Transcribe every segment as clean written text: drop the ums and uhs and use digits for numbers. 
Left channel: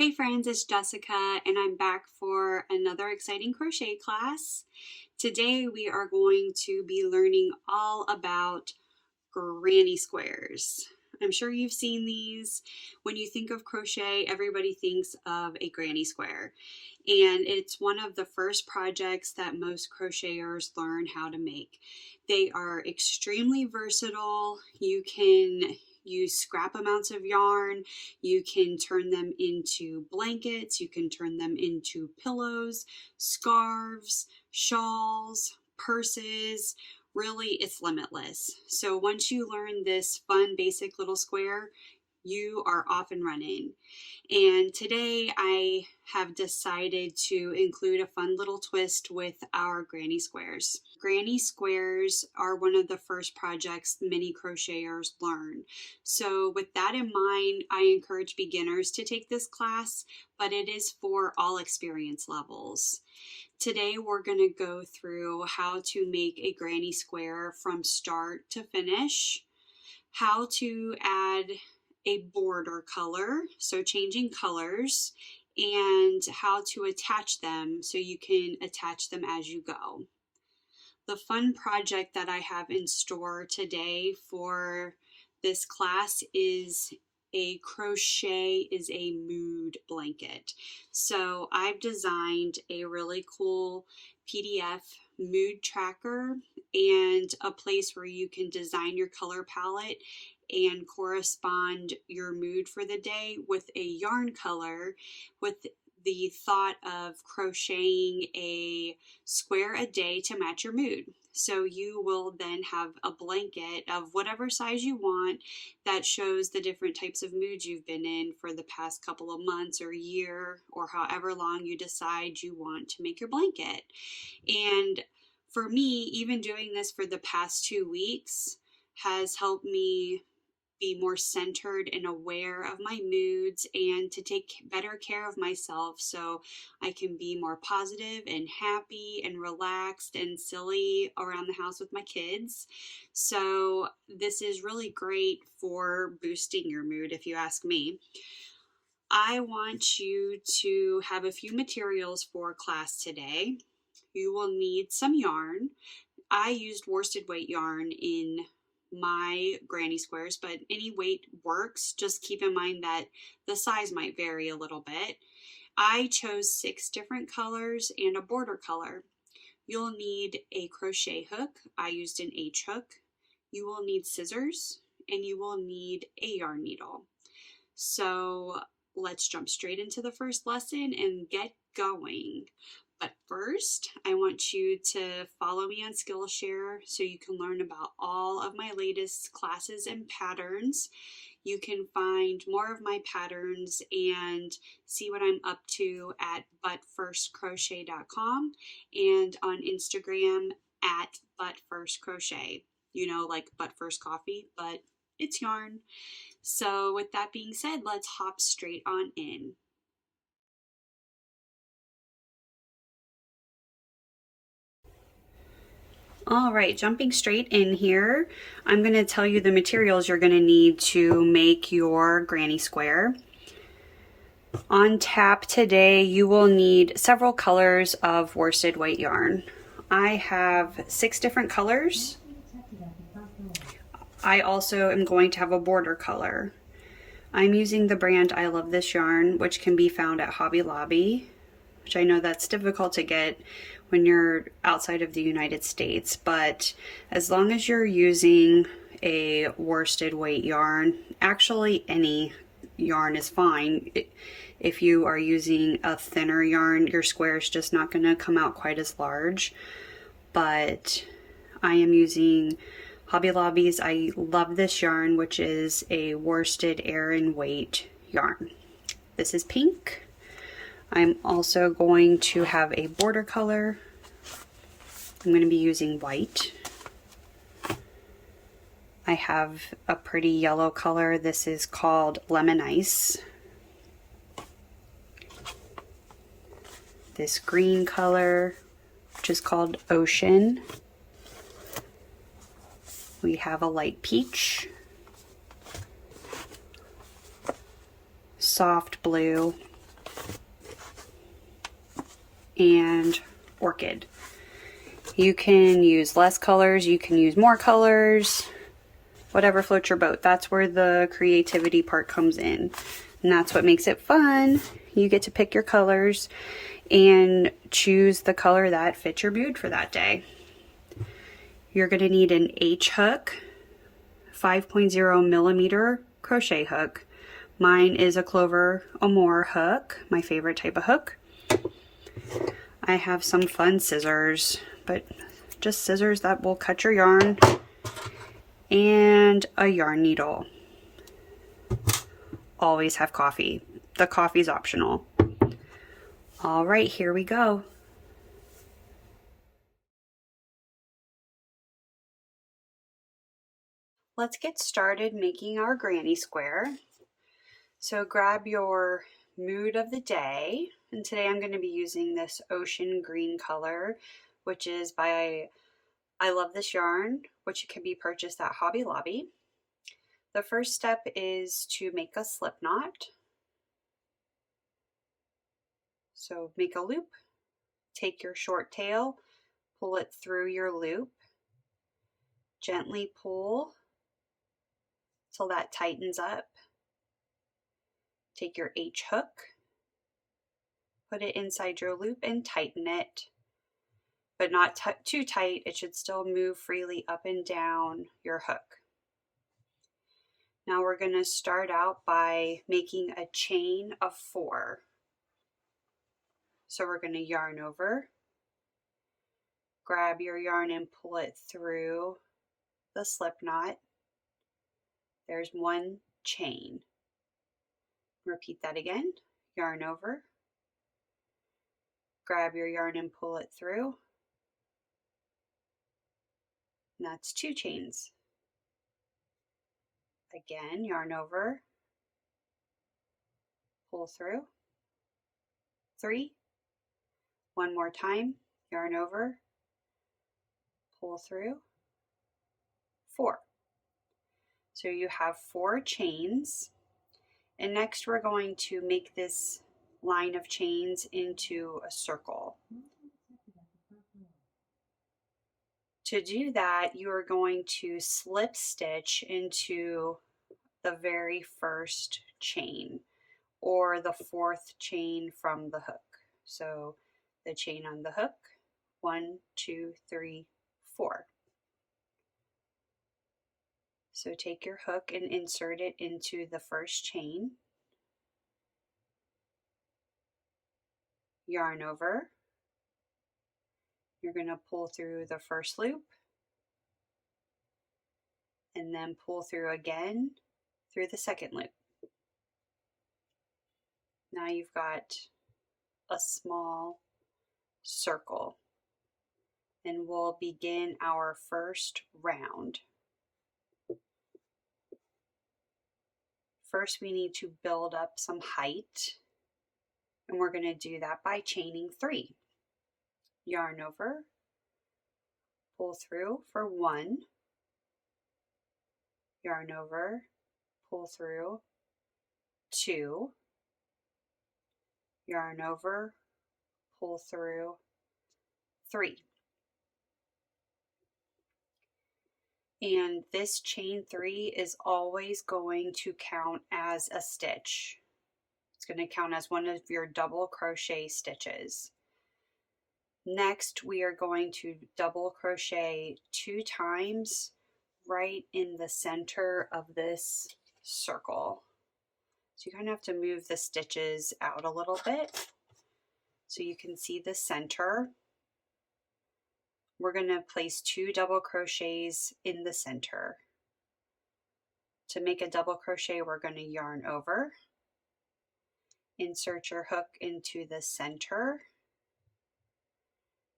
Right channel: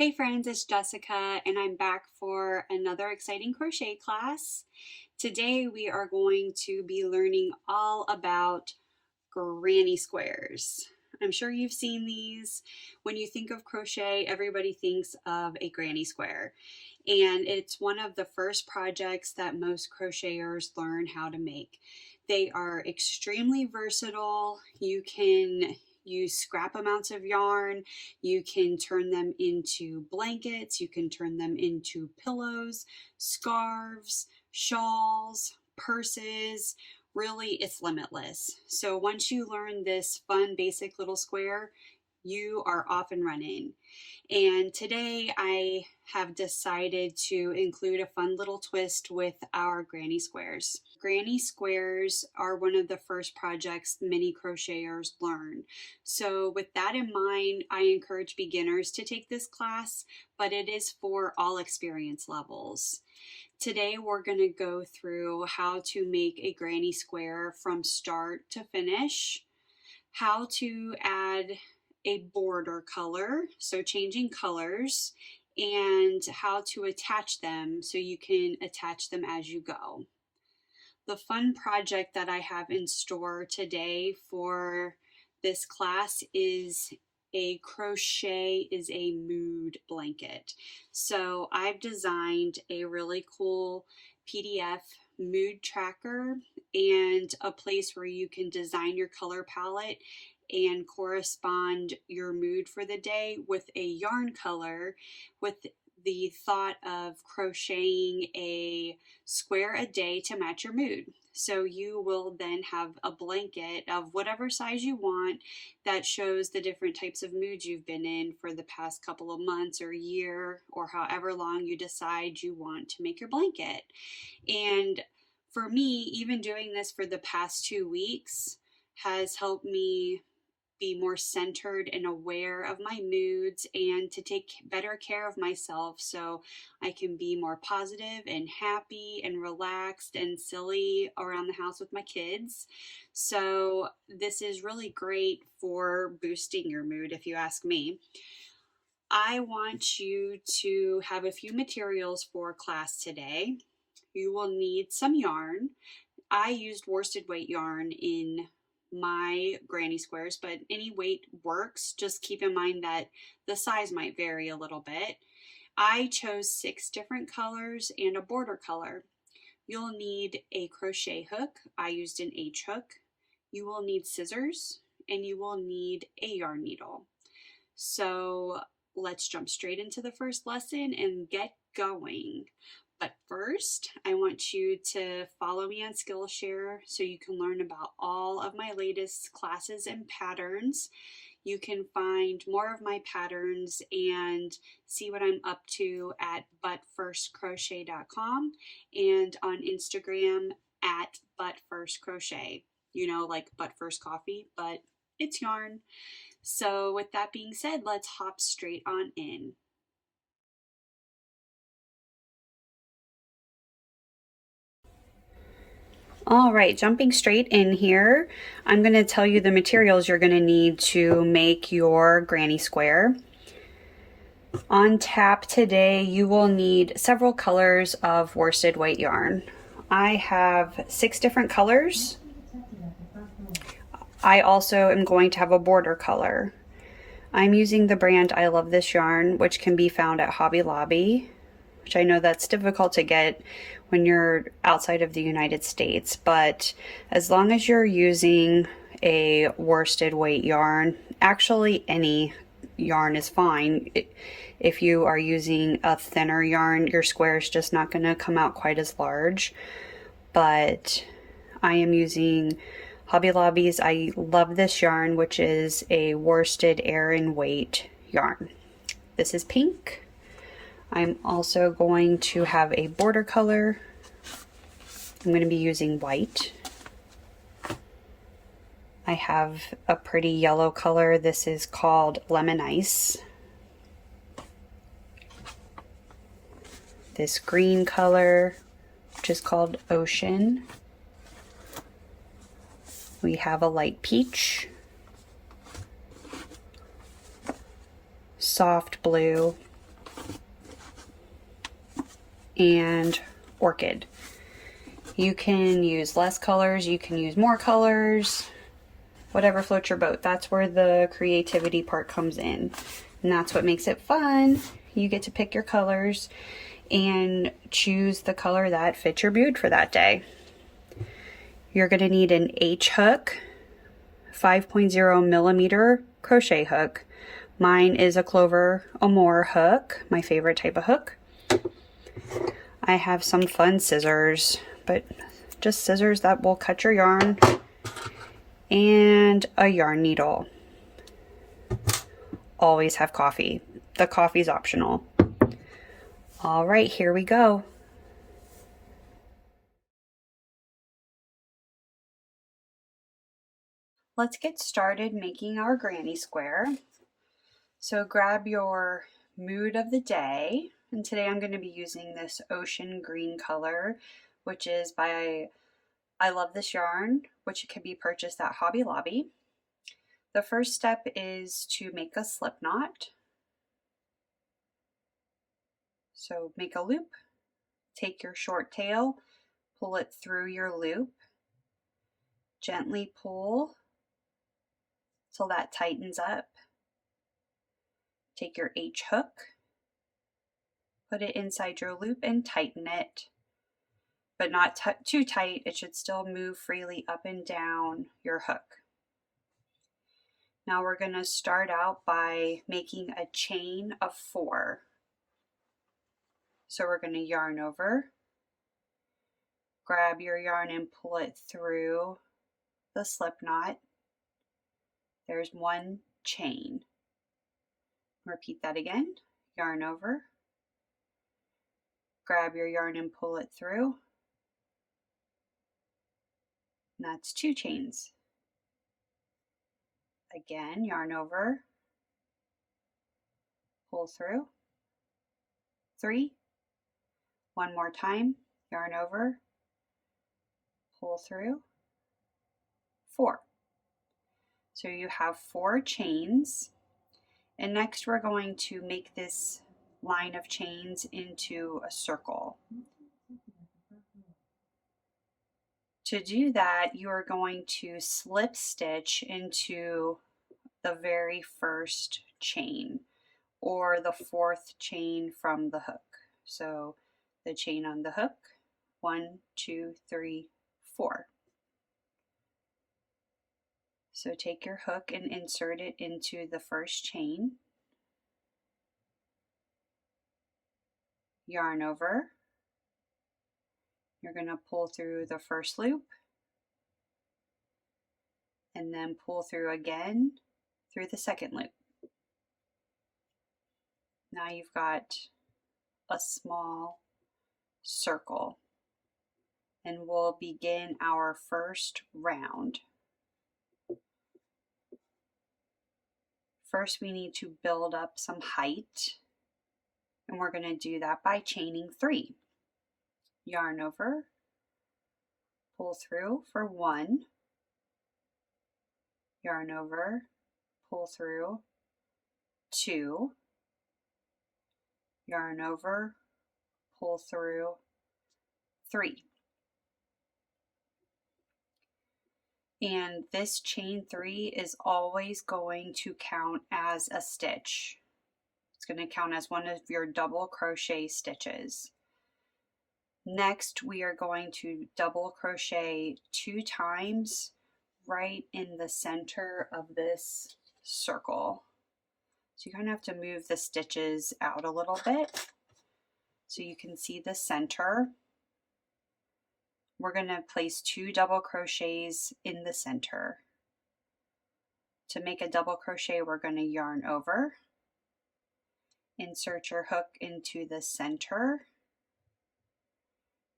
Hey friends, it's Jessica and I'm back for another exciting crochet class. Today we are going to be learning all about granny squares. I'm sure you've seen these. When you think of crochet, everybody thinks of a granny square. And it's one of the first projects that most crocheters learn how to make. They are extremely versatile. You can use scrap amounts of yarn. You can turn them into blankets. You can turn them into pillows, scarves, shawls, purses. Really, it's limitless. So once you learn this fun, basic little square, you are off and running. And today I have decided to include a fun little twist with our granny squares. Granny squares are one of the first projects many crocheters learn. So with that in mind, I encourage beginners to take this class, but it is for all experience levels. Today we're going to go through how to make a granny square from start to finish, how to add a border color, so changing colors, and how to attach them so you can attach them as you go. The fun project that I have in store today for this class is a crochet is a mood blanket. So I've designed a really cool PDF mood tracker and a place where you can design your color palette and correspond your mood for the day with a yarn color, with the thought of crocheting a square a day to match your mood. So you will then have a blanket of whatever size you want that shows the different types of moods you've been in for the past couple of months or year, or however long you decide you want to make your blanket. And for me, even doing this for the past 2 weeks has helped me be more centered and aware of my moods and to take better care of myself so I can be more positive and happy and relaxed and silly around the house with my kids. So this is really great for boosting your mood, if you ask me. I want you to have a few materials for class today. You will need some yarn. I used worsted weight yarn in my granny squares, but any weight works. Just keep in mind that the size might vary a little bit. I chose 6 different colors and a border color. You'll need a crochet hook. I used an H hook. You will need scissors and you will need a yarn needle. So let's jump straight into the first lesson and get going. But first, I want you to follow me on Skillshare so you can learn about all of my latest classes and patterns. You can find more of my patterns and see what I'm up to at butfirstcrochet.com and on Instagram at butfirstcrochet. You know, like butt first coffee, but it's yarn. So with that being said, let's hop straight on in. All right, jumping straight in here, I'm going to tell you the materials you're going to need to make your granny square. On tap today, you will need several colors of worsted weight yarn. I have 6 different colors. I also am going to have a border color. I'm using the brand I Love This Yarn, which can be found at Hobby Lobby, which I know that's difficult to get when you're outside of the United States, but as long as you're using a worsted weight yarn, actually any yarn is fine. If you are using a thinner yarn, your square is just not going to come out quite as large, but I am using Hobby Lobby's I Love This Yarn, which is a worsted Aran weight yarn. This is pink. I'm also going to have a border color. I'm going to be using white. I have a pretty yellow color. This is called Lemon Ice. This green color, which is called Ocean. We have a light peach, soft blue, and orchid. You can use less colors, you can use more colors, whatever floats your boat. That's where the creativity part comes in. And that's what makes it fun. You get to pick your colors and choose the color that fits your mood for that day. You're going to need an H hook, 5.0 millimeter crochet hook. Mine is a Clover Amore hook, my favorite type of hook. I have some fun scissors, but just scissors that will cut your yarn, and a yarn needle. Always have coffee. The coffee's optional. All right, here we go. Let's get started making our granny square. So grab your mood of the day, and today I'm going to be using this ocean green color, which is by I Love This Yarn, which can be purchased at Hobby Lobby. The first step is to make a slip knot. So make a loop, take your short tail, pull it through your loop, gently pull till that tightens up. Take your H hook, put it inside your loop and tighten it, but not too tight. It should still move freely up and down your hook. Now we're going to start out by making a chain of 4. So we're going to yarn over, grab your yarn and pull it through the slip knot. There's 1 chain. Repeat that again. Yarn over, grab your yarn and pull it through. And that's 2 chains. Again, yarn over, pull through. 3. One more time, yarn over, pull through. 4. So you have 4 chains. And next we're going to make this line of chains into a circle. To do that, you are going to slip stitch into the very first chain, or the 4th chain from the hook. So the chain on the hook, 1, 2, 3, 4. So take your hook and insert it into the first chain. Yarn over. You're going to pull through the first loop and then pull through again through the second loop. Now you've got a small circle, and we'll begin our first round. First, we need to build up some height, and we're going to do that by chaining 3. Yarn over, pull through for 1, yarn over, pull through 2, yarn over, pull through 3. And this chain 3 is always going to count as a stitch. It's going to count as one of your double crochet stitches. Next, we are going to double crochet 2 times right in the center of this circle. So you kind of have to move the stitches out a little bit so you can see the center. We're going to place 2 double crochets in the center. To make a double crochet, we're going to yarn over, insert your hook into the center,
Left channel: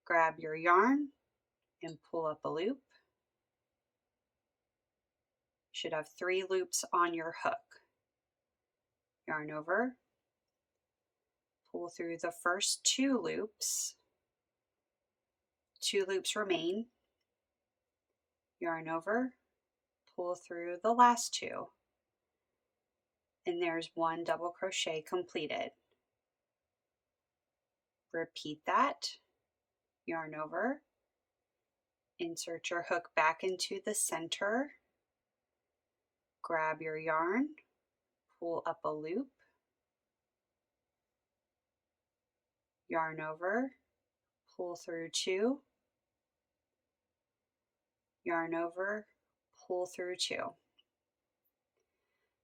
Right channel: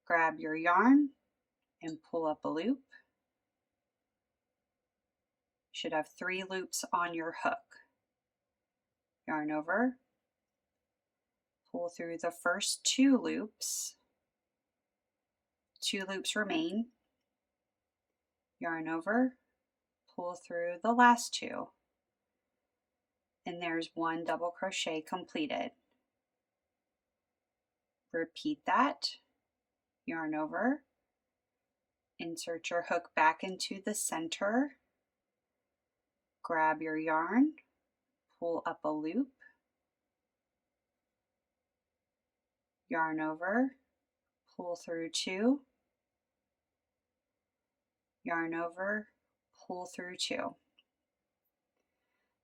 grab your yarn and pull up a loop. You should have 3 loops on your hook. Yarn over, pull through the first 2 loops, 2 loops remain, yarn over, pull through the last 2, and there's 1 double crochet completed. Repeat that, yarn over, insert your hook back into the center, grab your yarn, pull up a loop, yarn over, pull through 2, yarn over, pull through 2.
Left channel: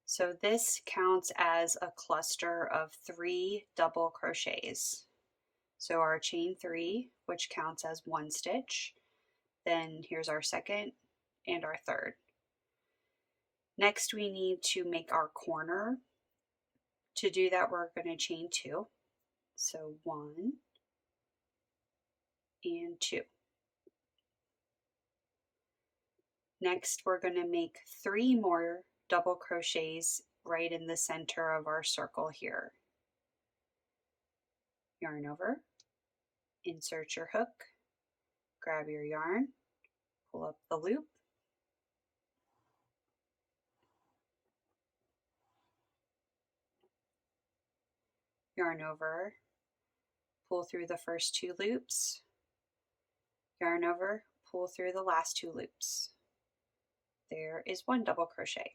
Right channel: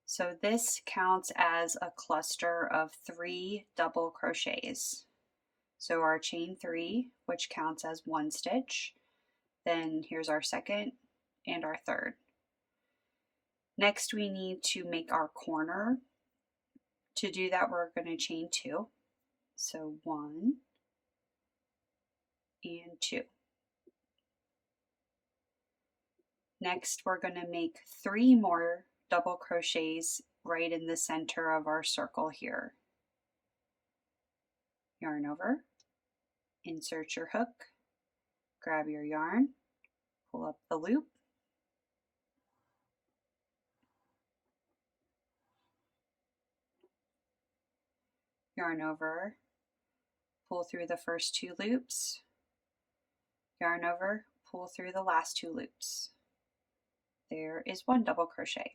So this counts as a cluster of 3 double crochets. So our chain 3, which counts as 1 stitch, then here's our second and our third. Next we need to make our corner. To do that we're going to chain 2. So 1 and 2. Next we're going to make 3 more double crochets right in the center of our circle here. Yarn over, insert your hook, grab your yarn, pull up the loop, yarn over, pull through the first 2 loops, yarn over, pull through the last 2 loops. There is 1 double crochet.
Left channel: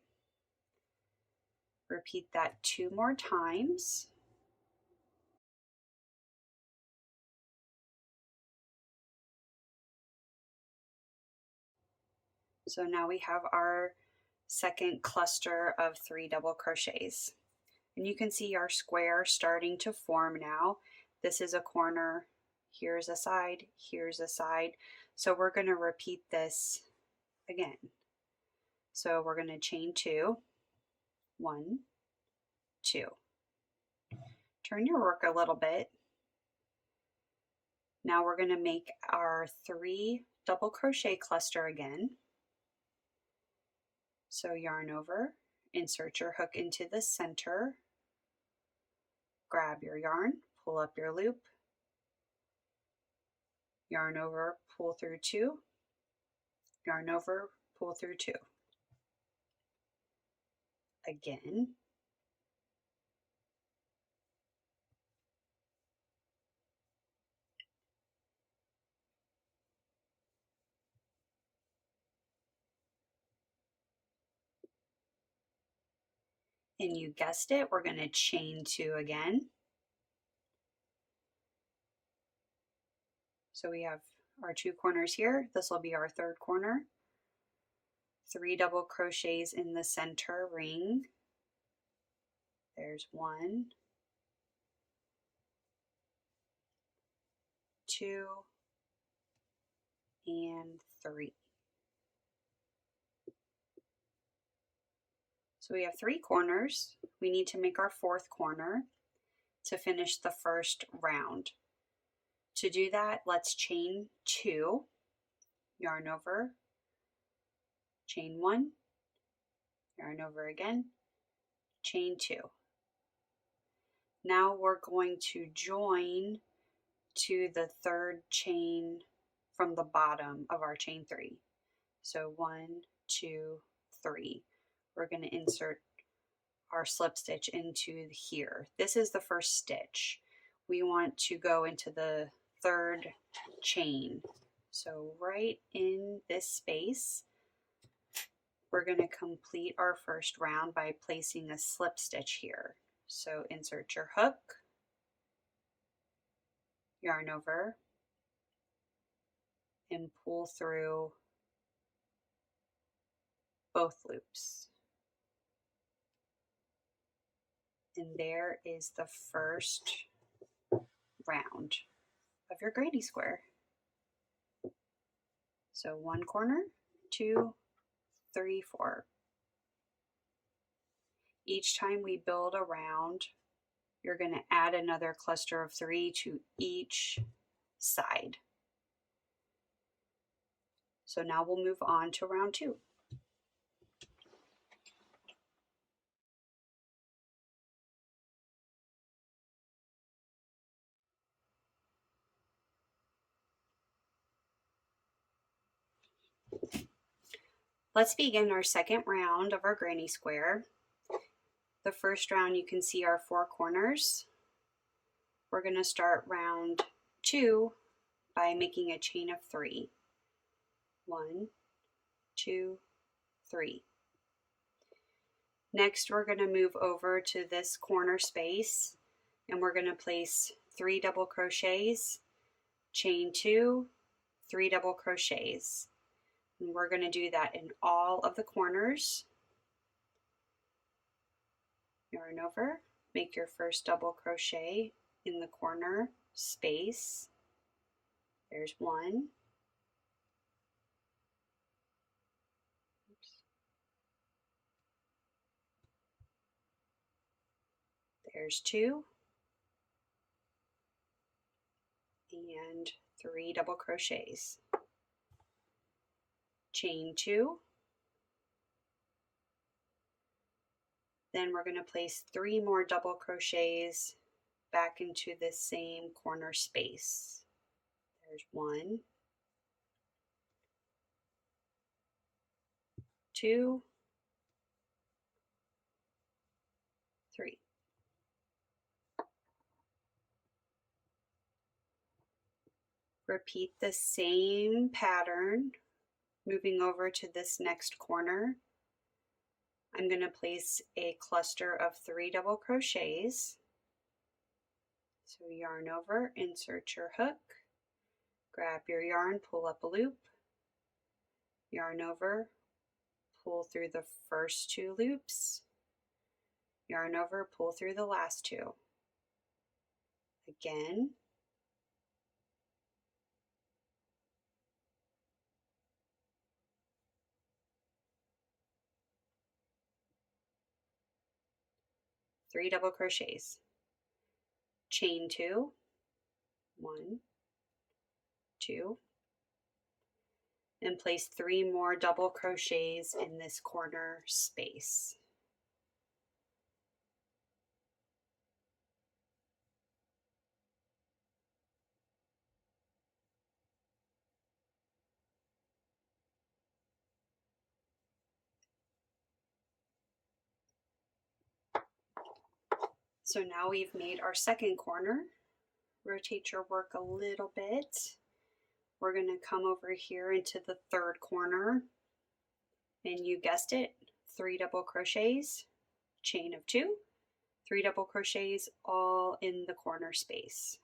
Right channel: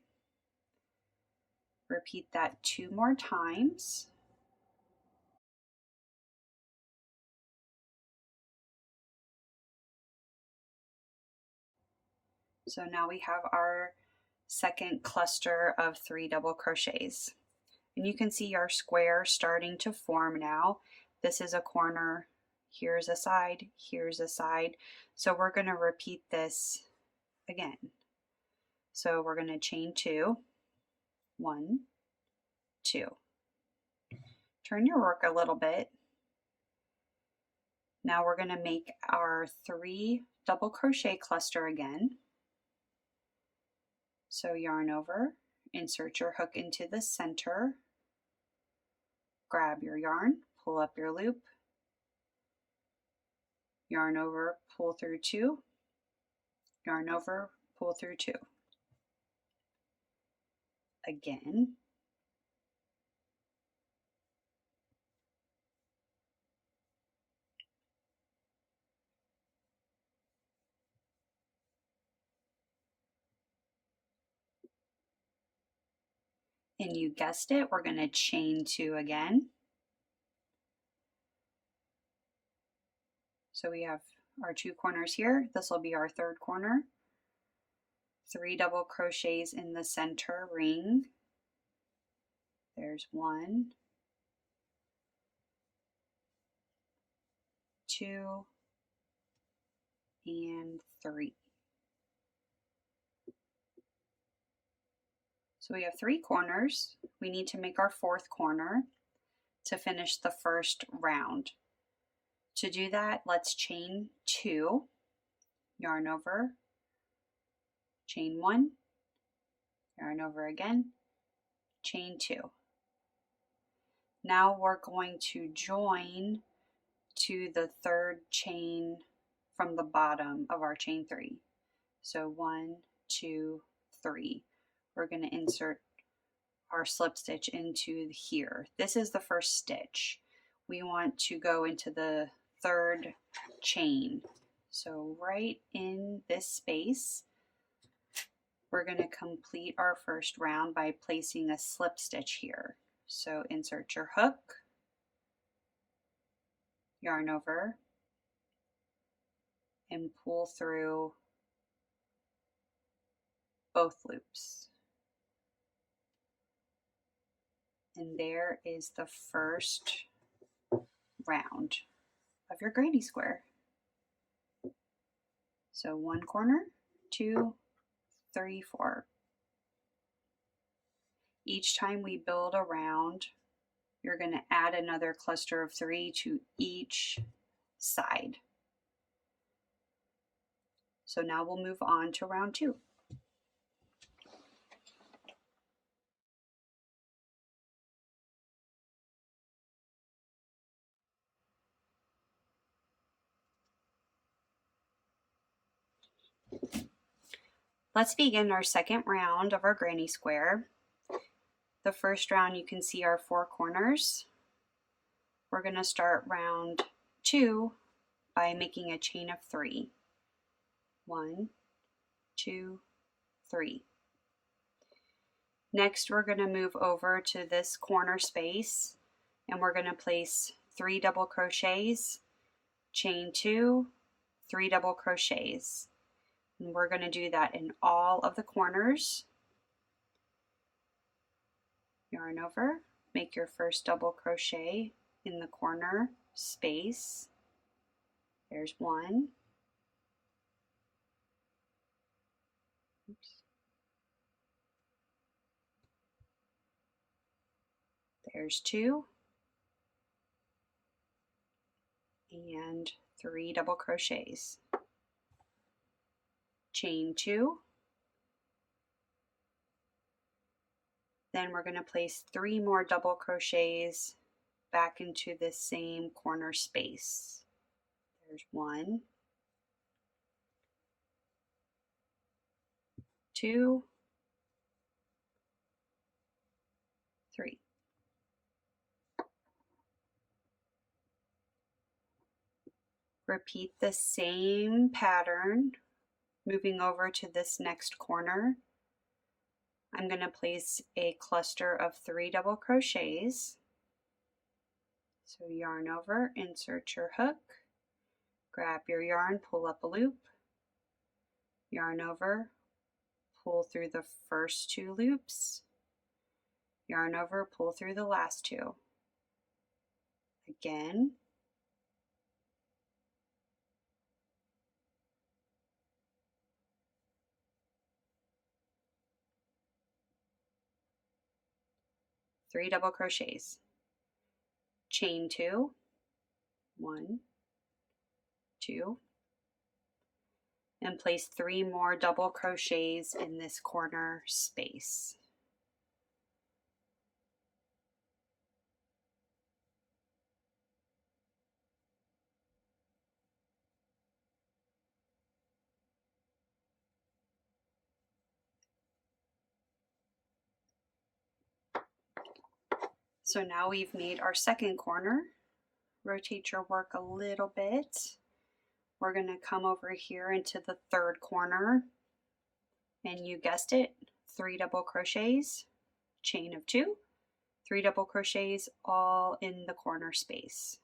Repeat that 2 more times. So now we have our second cluster of 3 double crochets. And you can see our square starting to form now. This is a corner, here's a side, here's a side. So we're going to repeat this again. So we're going to chain 2, 1, 2. Turn your work a little bit. Now we're going to make our 3 double crochet cluster again. So yarn over, insert your hook into the center, grab your yarn, pull up your loop, yarn over, pull through 2, yarn over, pull through 2. Again. And you guessed it, we're going to chain 2 again. So we have our 2 corners here. This will be our third corner. 3 double crochets in the center ring. There's 1, 2, and 3. So we have 3 corners. We need to make our 4th corner to finish the first round. To do that, let's chain 2, yarn over, chain 1, yarn over again, chain 2. Now we're going to join to the third chain from the bottom of our chain 3. So 1, 2, 3. We're going to insert our slip stitch into here. This is the first stitch. We want to go into the third chain. So right in this space, we're going to complete our first round by placing a slip stitch here. So insert your hook, yarn over, and pull through both loops. And there is the first round of your granny square. So 1 corner, 2, 3, 4. Each time we build a round, you're going to add another cluster of 3 to each side. So now we'll move on to round 2. Let's begin our second round of our granny square. The first round you can see our 4 corners. we're going to start round 2 by making a chain of 3. 1, 2, 3. Next, we're going to move over to this corner space and we're going to place 3 double crochets, chain 2, 3 double crochets. And we're going to do that in all of the corners. Yarn over, make your first double crochet in the corner space. There's 1. Oops. There's 2. And 3 double crochets. Chain 2. Then we're going to place 3 more double crochets back into this same corner space. There's 1, 2, 3. Repeat the same pattern, moving over to this next corner. I'm going to place a cluster of 3 double crochets. So yarn over, insert your hook, grab your yarn, pull up a loop, yarn over, pull through the first 2 loops, yarn over, pull through the last 2. Again. Three double crochets. Chain 2, 1, 2, and place 3 more double crochets in this corner space. So now we've made our second corner. Rotate your work a little bit. We're going to come over here into the third corner, and you guessed it, 3 double crochets, chain of 2, 3 double crochets all in the corner space.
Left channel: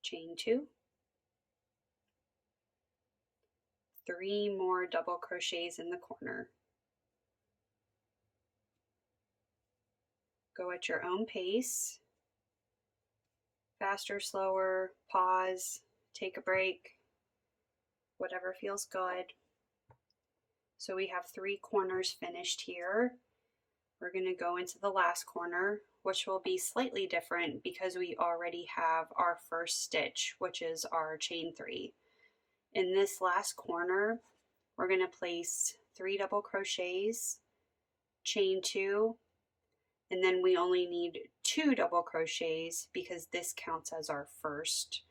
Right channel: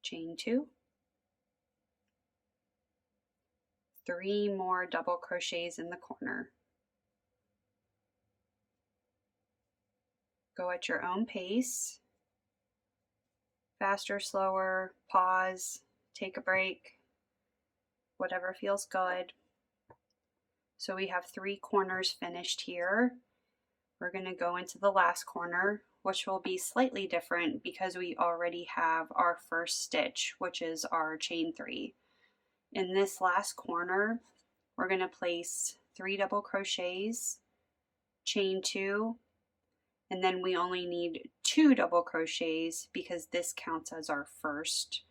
Chain 2, 3 more double crochets in the corner. Go at your own pace, faster, slower, pause, take a break, whatever feels good. So we have 3 corners finished here. We're going to go into the last corner, which will be slightly different because we already have our first stitch, which is our chain 3. In this last corner, we're going to place 3 double crochets, chain 2, and then we only need 2 double crochets because this counts as our first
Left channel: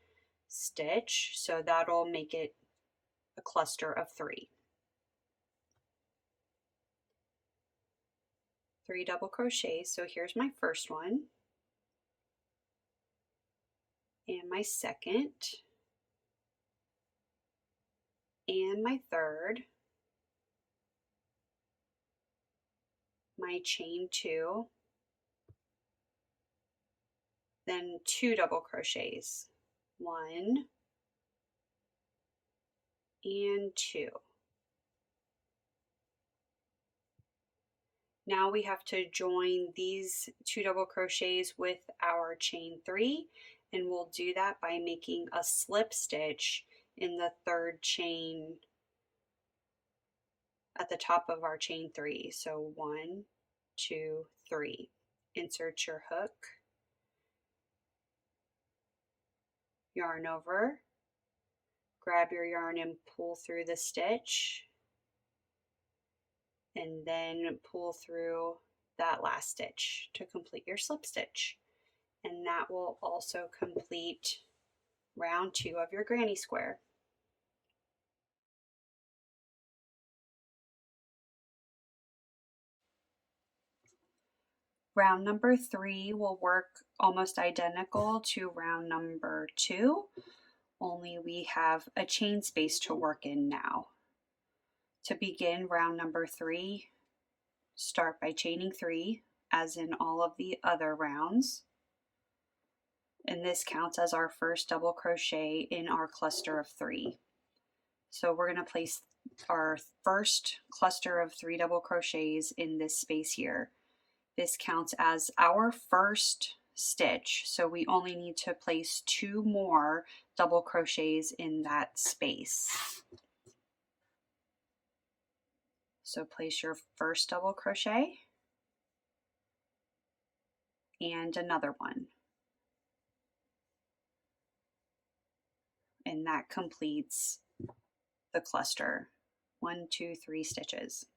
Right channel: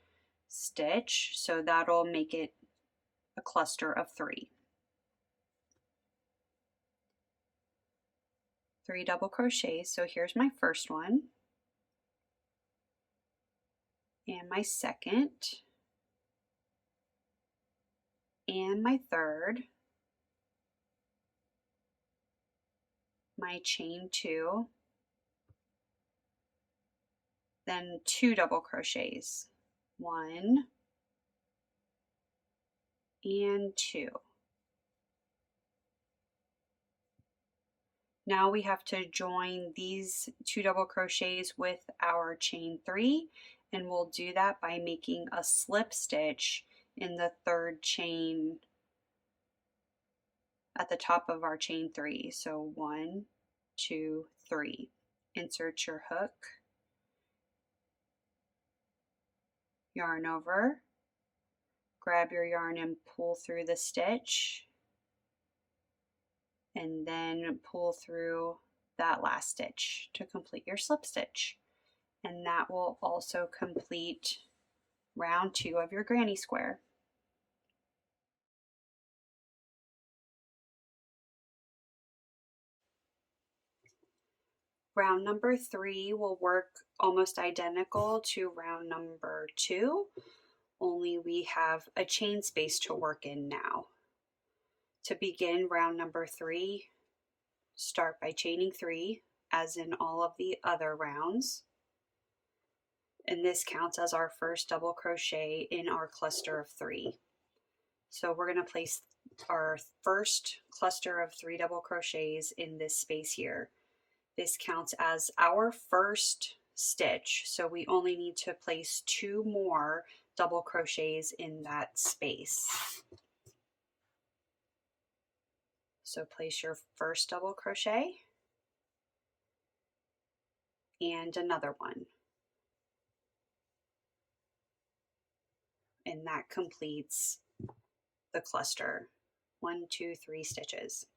stitch, so that'll make it a cluster of 3. 3 double crochets, so here's my first one, and my second, and my third, my chain 2, then 2 double crochets, 1 and 2. Now we have to join these 2 double crochets with our chain 3, and we'll do that by making a slip stitch in the third chain at the top of our chain 3. So 1, 2, 3. Insert your hook, yarn over, grab your yarn and pull through the stitch, and then pull through that last stitch to complete your slip stitch. and that will also complete round 2 of your granny square. Round number 3 will work almost identical to round number 2, only we have a chain space to work in now. To begin round number 3, start by chaining 3, as in all of the other rounds. And this counts as our first double crochet in our cluster of 3. So we're going to place our first cluster of 3 double crochets in this space here. This counts as our first stitch, so we only need to place 2 more double crochets in that space. So place your first double crochet and another one. And that completes the cluster. 1, 2, 3 stitches.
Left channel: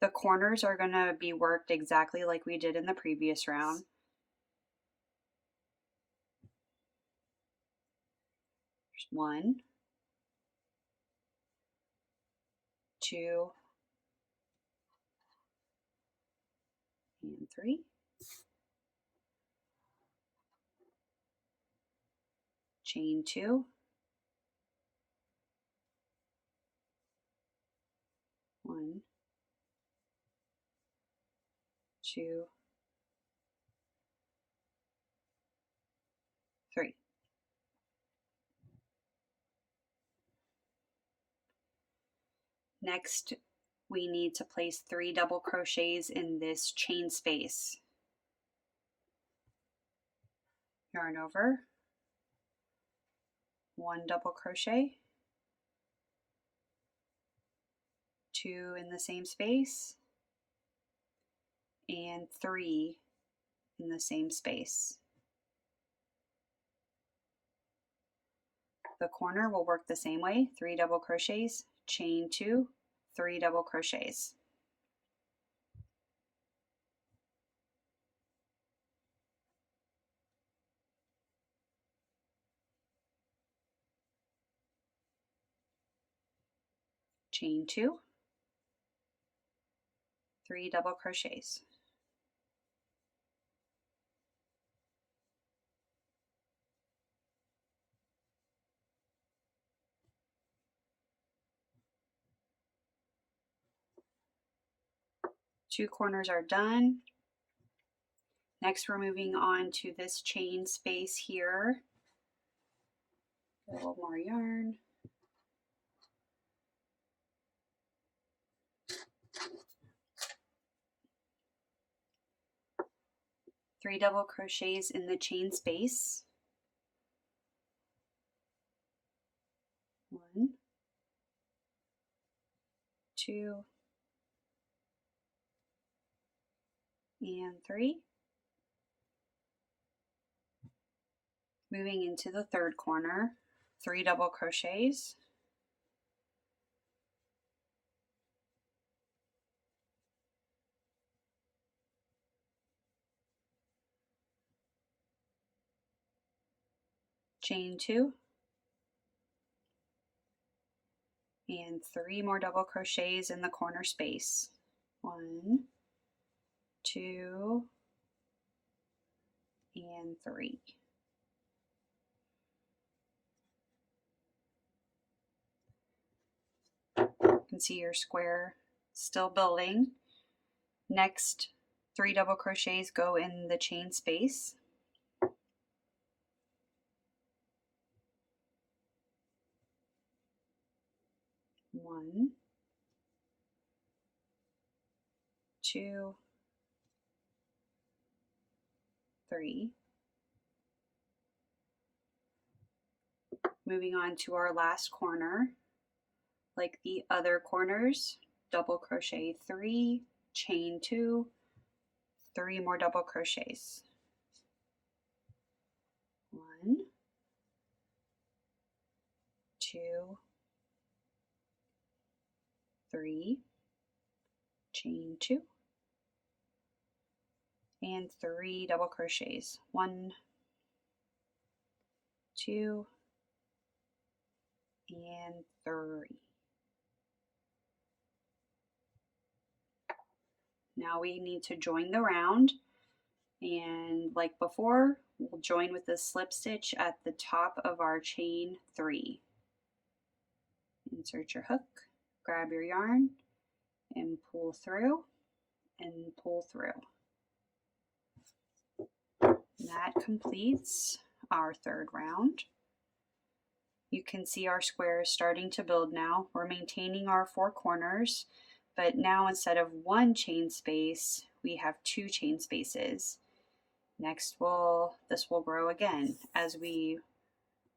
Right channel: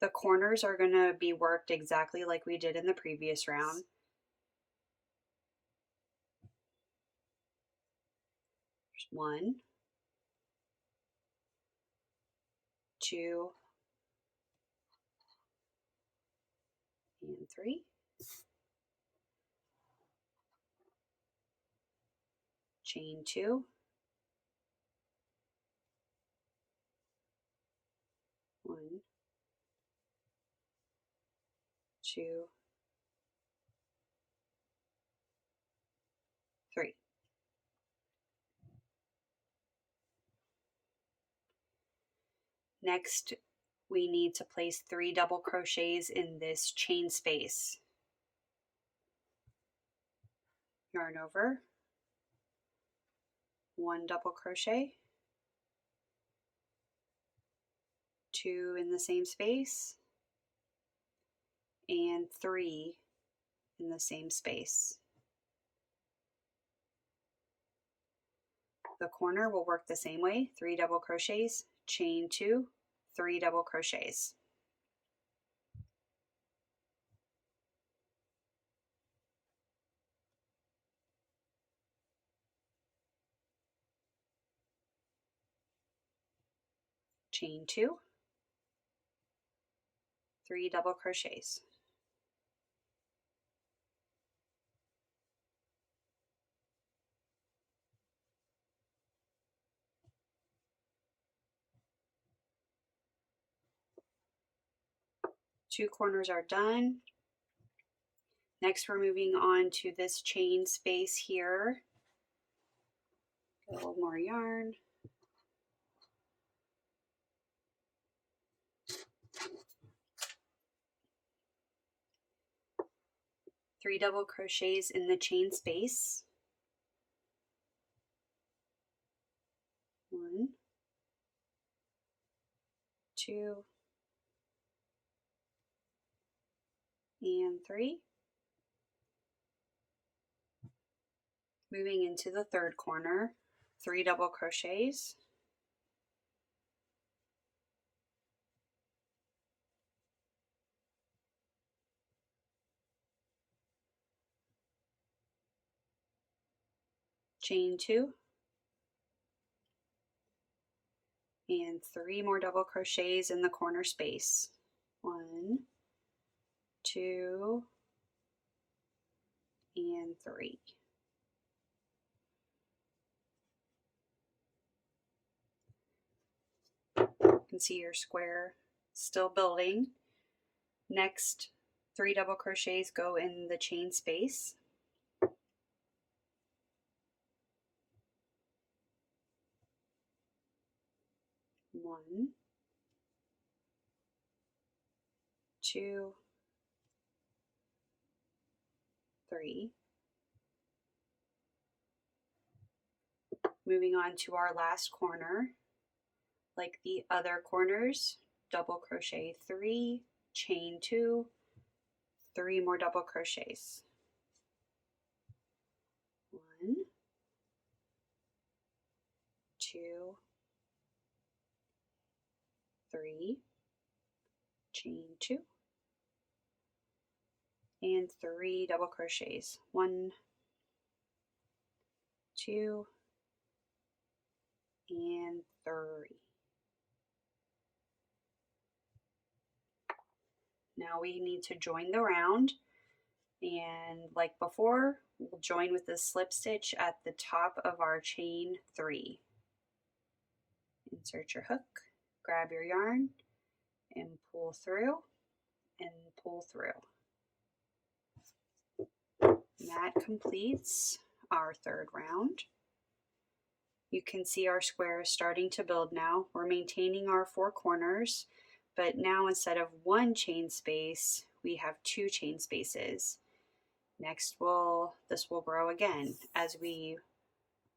The corners are going to be worked exactly like we did in the previous round. There's 1, 2, and 3. Chain 2. 1, 2, 3. Next, we need to place 3 double crochets in this chain space. Yarn over, 1 double crochet, 2 in the same space, and 3 in the same space. The corner will work the same way, 3 double crochets, chain 2, 3 double crochets. Chain 2, 3 double crochets. Two corners are done. Next, we're moving on to this chain space here. Get a little more yarn. Three double crochets in the chain space. 1, 2, and 3. Moving into the third corner, 3 double crochets. Chain 2, and 3 more double crochets in the corner space. 1, 2, and 3. You can see your square still building. Next, 3 double crochets go in the chain space. 1, 2, 3. Moving on to our last corner. Like the other corners, double crochet 3, chain 2, 3 more double crochets. 1, 2, 3, chain 2, and 3 double crochets. 1, 2, and 3. Now we need to join the round, and like before, we'll join with the slip stitch at the top of our chain 3. Insert your hook, grab your yarn, and pull through and pull through. That completes our 3rd round. You can see our squares starting to build now. We're maintaining our 4 corners, but now instead of 1 chain space, we have 2 chain spaces. Next, this will grow again as we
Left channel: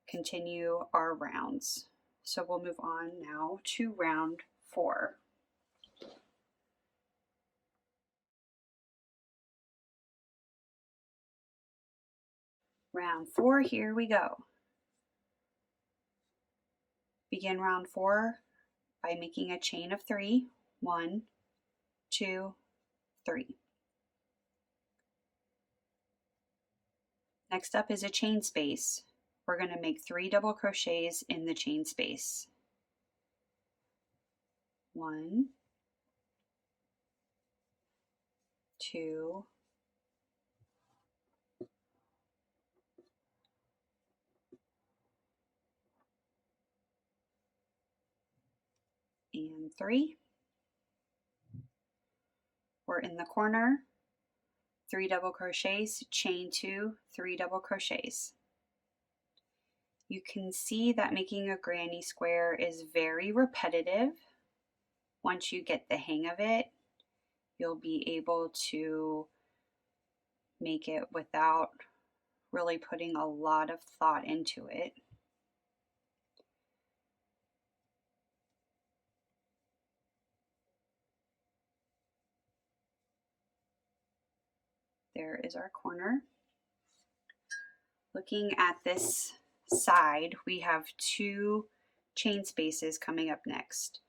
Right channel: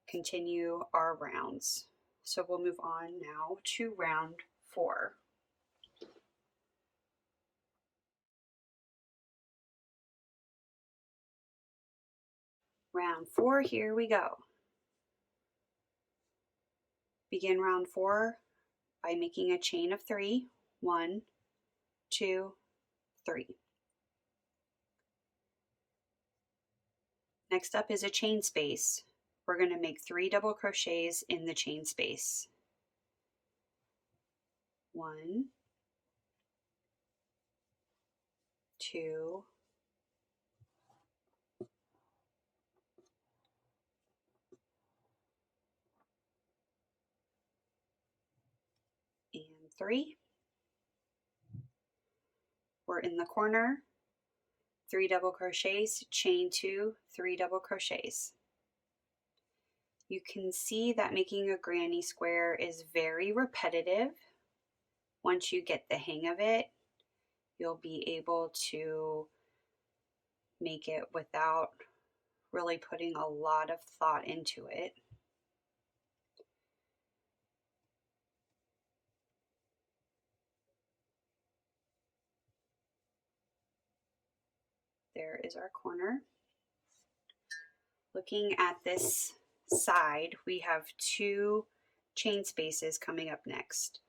continue our rounds. So we'll move on now to round 4. Round 4, here we go. Begin round 4 by making a chain of 3. 1, 2, 3. Next up is a chain space. We're going to make 3 double crochets in the chain space. 1, 2, and 3. We're in the corner, 3 double crochets, chain 2, 3 double crochets. You can see that making a granny square is very repetitive. Once you get the hang of it, you'll be able to make it without really putting a lot of thought into it. There is our corner. Looking at this side, we have 2 chain spaces coming up next.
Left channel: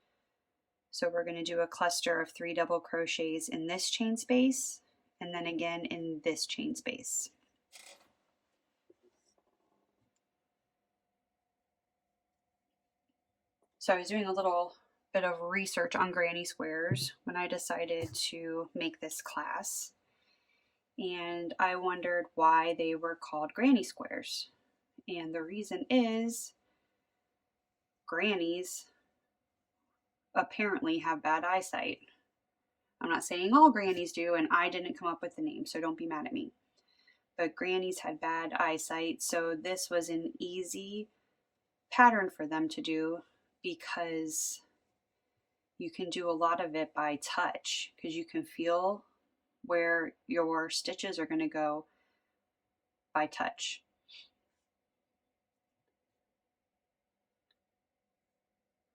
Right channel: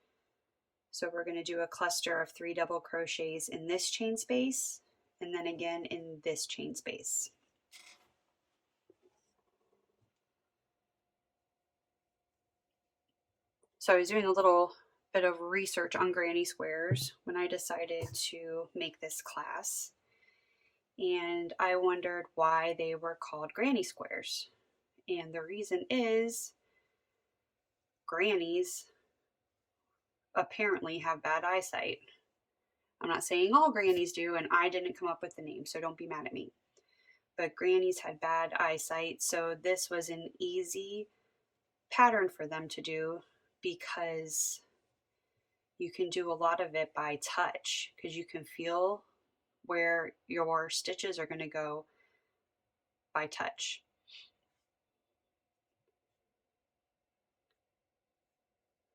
So we're going to do a cluster of 3 double crochets in this chain space, and then again in this chain space. So I was doing a little bit of research on granny squares when I decided to make this class, and I wondered why they were called granny squares. And the reason is grannies apparently have bad eyesight. I'm not saying all grannies do, and I didn't come up with the name, so don't be mad at me. But grannies had bad eyesight, so this was an easy pattern for them to do because you can do a lot of it by touch, because you can feel where your stitches are going to go by touch.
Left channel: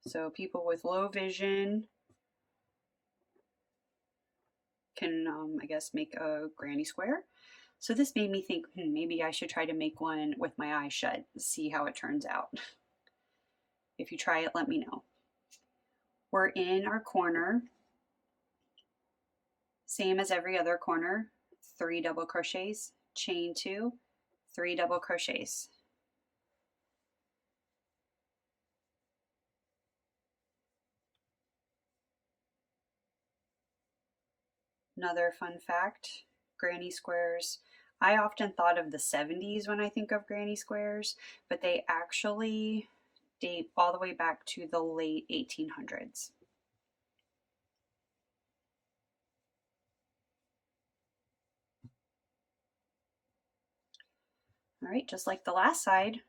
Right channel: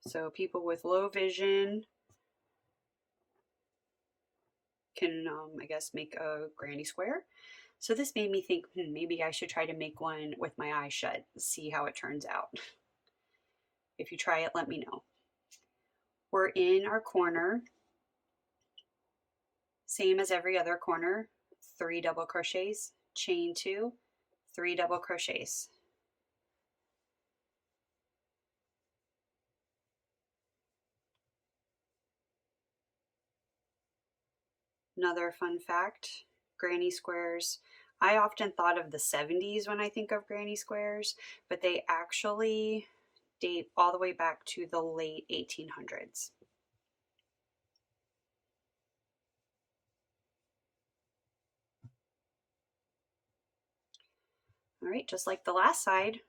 So people with low vision can, I guess, make a granny square. So this made me think, maybe I should try to make one with my eyes shut, see how it turns out. If you try it, let me know. We're in our corner, same as every other corner, 3 double crochets, chain 2, 3 double crochets. Another fun fact, granny squares, I often thought of the 70s when I think of granny squares, but they actually date all the way back to the late 1800s. All right, just like the last side,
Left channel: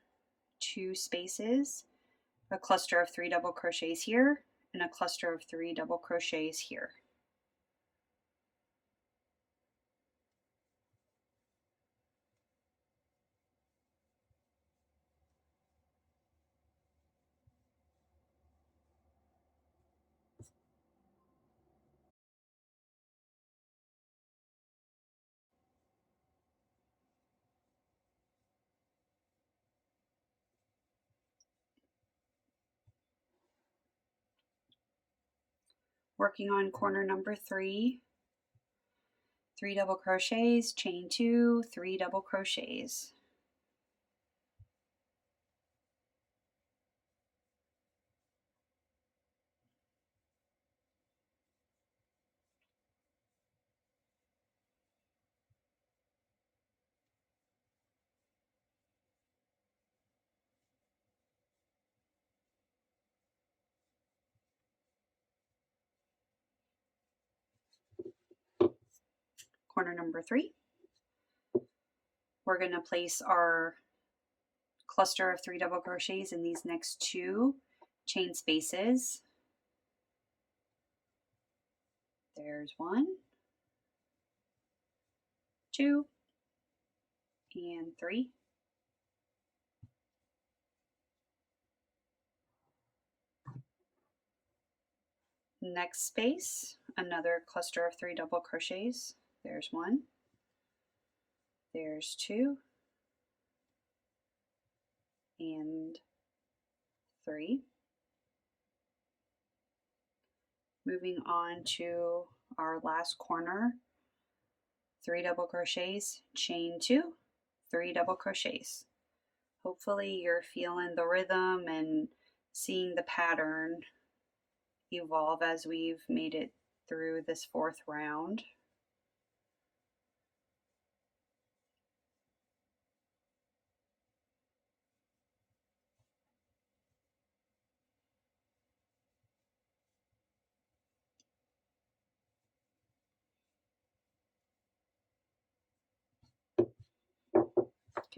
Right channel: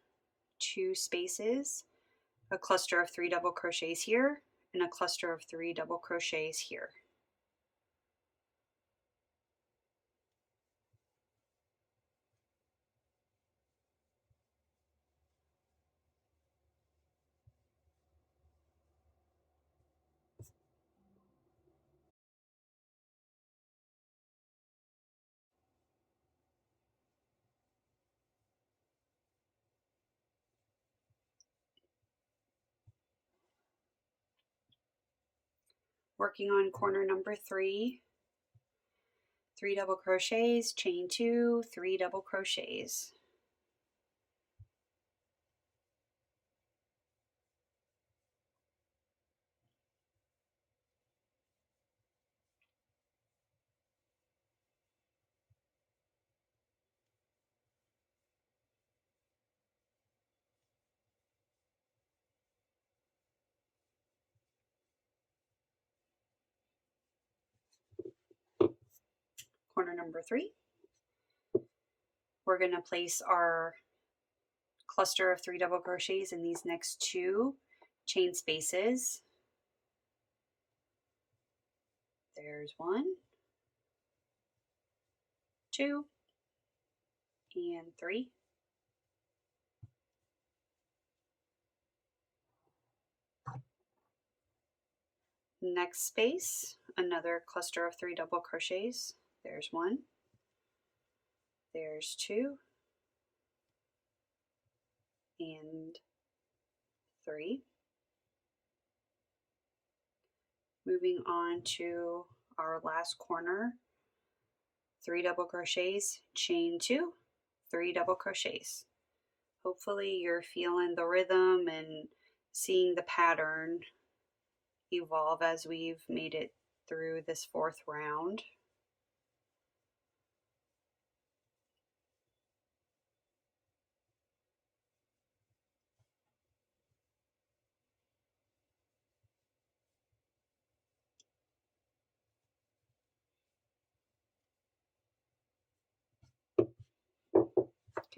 2 spaces, a cluster of 3 double crochets here, and a cluster of 3 double crochets here. Working on corner number 3. 3 double crochets, chain 2, 3 double crochets. Corner number 3. We're going to place our cluster of 3 double crochets in these next 2 chain spaces. There's 1, 2, and 3. Next space, another cluster of 3 double crochets. There's 1, there's 2, and 3. Moving on to our last corner, 3 double crochets, chain 2, 3 double crochets. Hopefully you're feeling the rhythm and seeing the pattern evolve as we've made it through this 4th round.